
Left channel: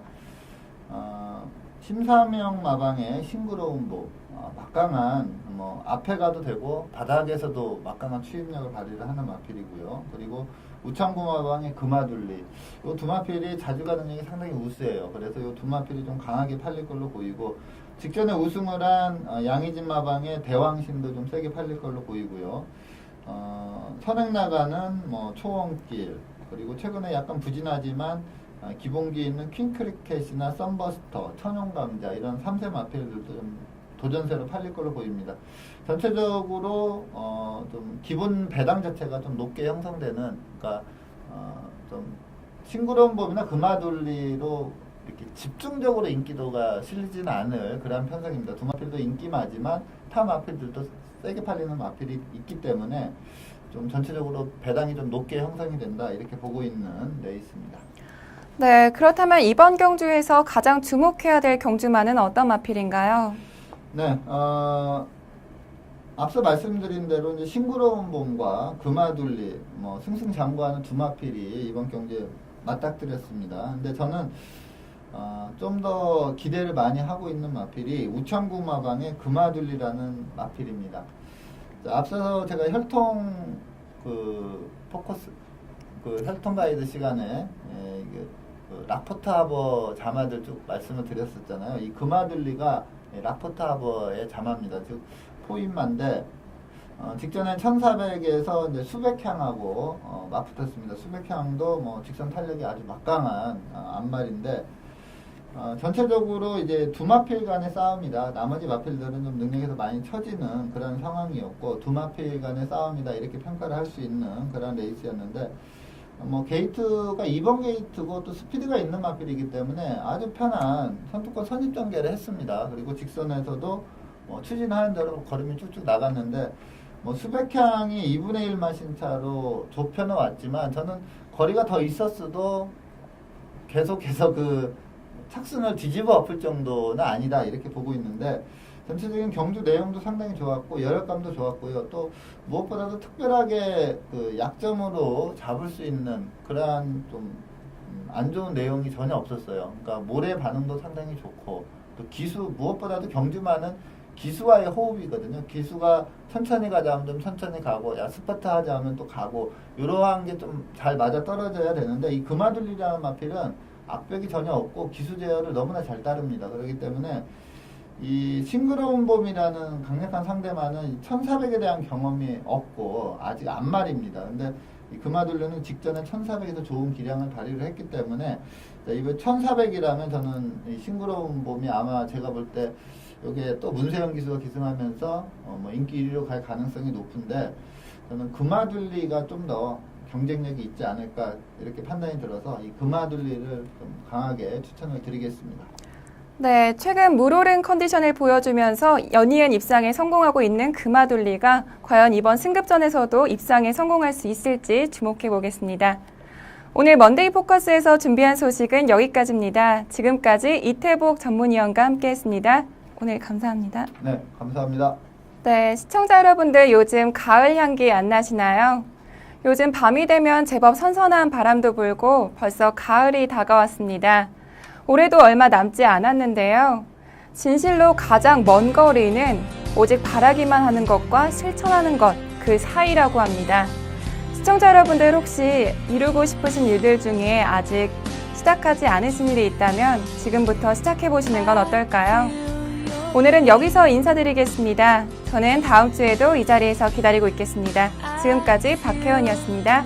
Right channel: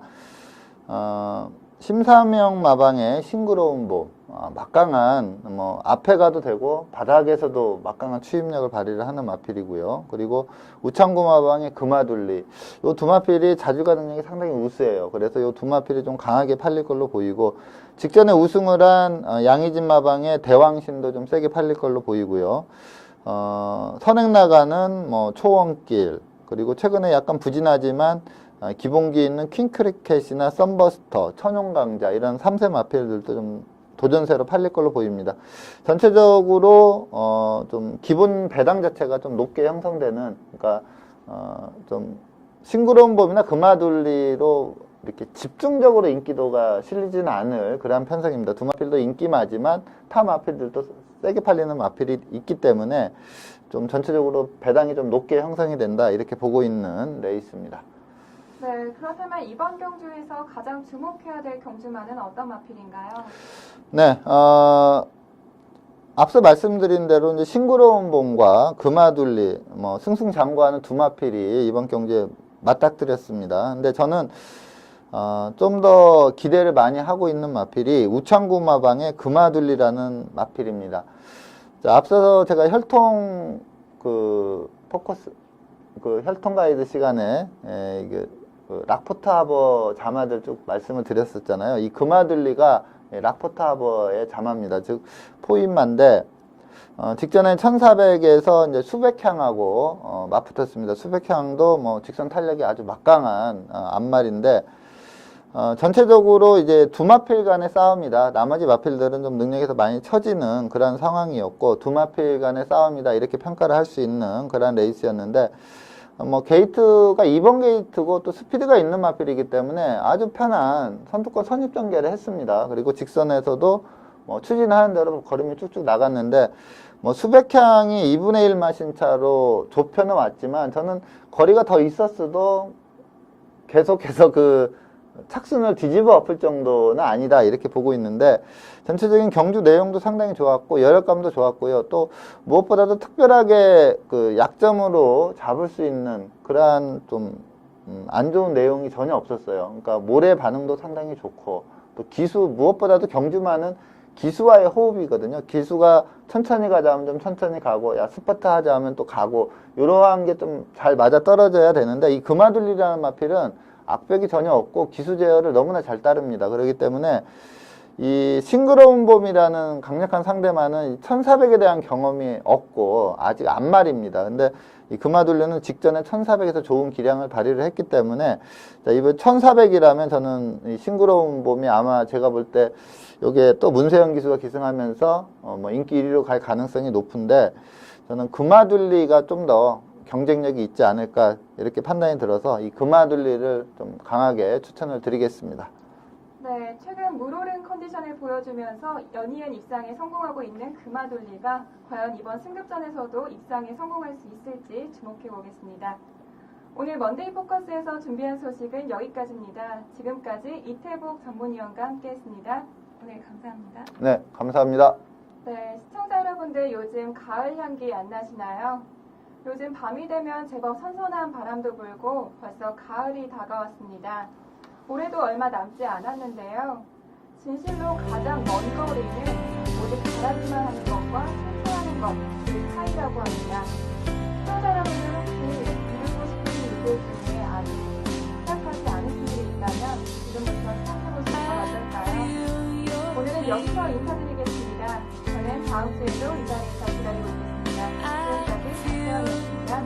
심사명 마방의 싱그러운 보, 막강한 뭐 앞에 가도 되고 바닥에서도 막강한 추임력을 발휘를 하는 마필이고요. 그리고 우창고 마방의 금화둘리, 이 두 마필이 자질과 능력이 상당히 우수해요. 그래서 이 두 마필이 좀 강하게 팔릴 걸로 보이고, 직전에 우승을 한 양희진 마방의 대왕신도 좀 세게 팔릴 걸로 보이고요. 선행 나가는 뭐 초원길, 그리고 최근에 약간 부진하지만 기본기 있는 퀸크리켓이나 썬버스터, 천용강자 이런 3세 마필들도 좀 도전세로 팔릴 걸로 보입니다. 전체적으로 좀 기본 배당 자체가 좀 높게 형성되는, 그러니까 좀 싱그러운 봄이나 금화둘리로 이렇게 집중적으로 인기도가 실리지는 않을 그러한 편성입니다. 두 마필도 인기마지만 타 마필들도 세게 팔리는 마필이 있기 때문에 좀 전체적으로 배당이 좀 높게 형성이 된다, 이렇게 보고 있는 레이스입니다. 네, 그렇다면 이번 경주에서 가장 주목해야 될 경주마는 어떤 마필인가요? 네, 앞서 말씀드린 대로 이제 싱그러운 봄과 금화둘리, 뭐 승승장구하는 두 마필이 이번 경주에 맞닥뜨렸습니다. 근데 저는 좀 더 기대를 많이 하고 있는 마필이 우창구 마방의 금화둘리라는 마필입니다. 자, 앞서 제가 혈통 혈통 가이드 시간에 이게 락포트 하버 자마들 쭉 말씀을 드렸었잖아요. 이 금화둘리가 락포트 하버의 자마입니다. 즉 포인마인데 직전엔 1400에서 이제 수백향하고 맞붙었습니다. 수백향도 뭐 직선 탄력이 아주 막강한 앞말인데, 전체적으로 이제 두 마필 간의 싸움이다. 나머지 마필들은 좀 능력에서 많이 처지는 그런 상황이었고, 두 마필 간의 싸움이다, 이렇게 평가를 할 수 있는 그런 레이스였는데, 뭐 게이트가 2번 게이트고 또 스피드가 있는 마필이기 때문에 아주 편한 선두권 선입 전개를 했습니다. 그리고 직선에서도 뭐 추진하는 대로 걸음이 쭉쭉 나갔는데, 뭐 수백향이 2분의 1 마신차로 좁혀는 왔지만 저는 거리가 더 있었어도 계속해서 그 착순을 뒤집어 엎을 정도는 아니다 이렇게 보고 있는데 전체적인 경주 내용도 상당히 좋았고 여력감도 좋았고요. 또 무엇보다도 특별하게 그 약점으로 잡을 수 있는 그러한 좀 안 좋은 내용이 전혀 없었어요. 그러니까 모래 반응도 상당히 좋고 또 기수 무엇보다도 경주만은 기수와의 호흡이거든요. 기수가 천천히 가자 하면 좀 천천히 가고 야 스퍼트 하자 하면 또 가고 이러한 게 좀 잘 맞아 떨어져야 되는데 이 금화둘리라는 마필은 악벽이 전혀 없고 기수 제어를 너무나 잘 따릅니다. 그렇기 때문에 이 싱그러운 봄이라는 강력한 상대만은 1400에 대한 경험이 없고 아직 안말입니다. 근데 이 금화둘리는 직전에 1400에서 좋은 기량을 발휘를 했기 때문에 자, 이번 1400이라면 저는 이 싱그러운 봄이 아마 제가 볼 때 요게 또 문세영 기수가 기승하면서 뭐 인기 1위로 갈 가능성이 높은데 저는 금화둘리가 좀 더 경쟁력이 있지 않을까 이렇게 판단이 들어서 이 금화둘리를 좀 강하게 추천을 드리겠습니다. 네, 최근 물오른 컨디션을 보여주면서 연이은 입상에 성공하고 있는 금화둘리가 과연 이번 승급전에서도 입상에 성공할 수 있을지 주목해 보겠습니다. 오늘 먼데이 포커스에서 준비한 소식은 여기까지입니다. 지금까지 이태복 전문위원과 함께했습니다. 오늘 감사합니다. 네, 감사합니다. 네, 시청자 여러분들 요즘 가을 향기 안 나시나요? 요즘 밤이 되면 제법 선선한 바람도 불고 벌써 가을이 다가왔습니다. 올해도 얼마 남지 않았는데요. 진실로 가장 먼 거리는 오직 바라기만 하는 것과 실천하는 것, 그 사이라고 합니다. 시청자 여러분들 혹시 이루고 싶으신 일들 중에 아직 시작하지 않으신 일이 있다면 지금부터 시작해보시는 건 어떨까요? 오늘은 여기서 인사드리겠습니다. 저는 다음 주에도 이 자리에서 기다리고 있겠습니다. 지금까지 박혜원이었습니다.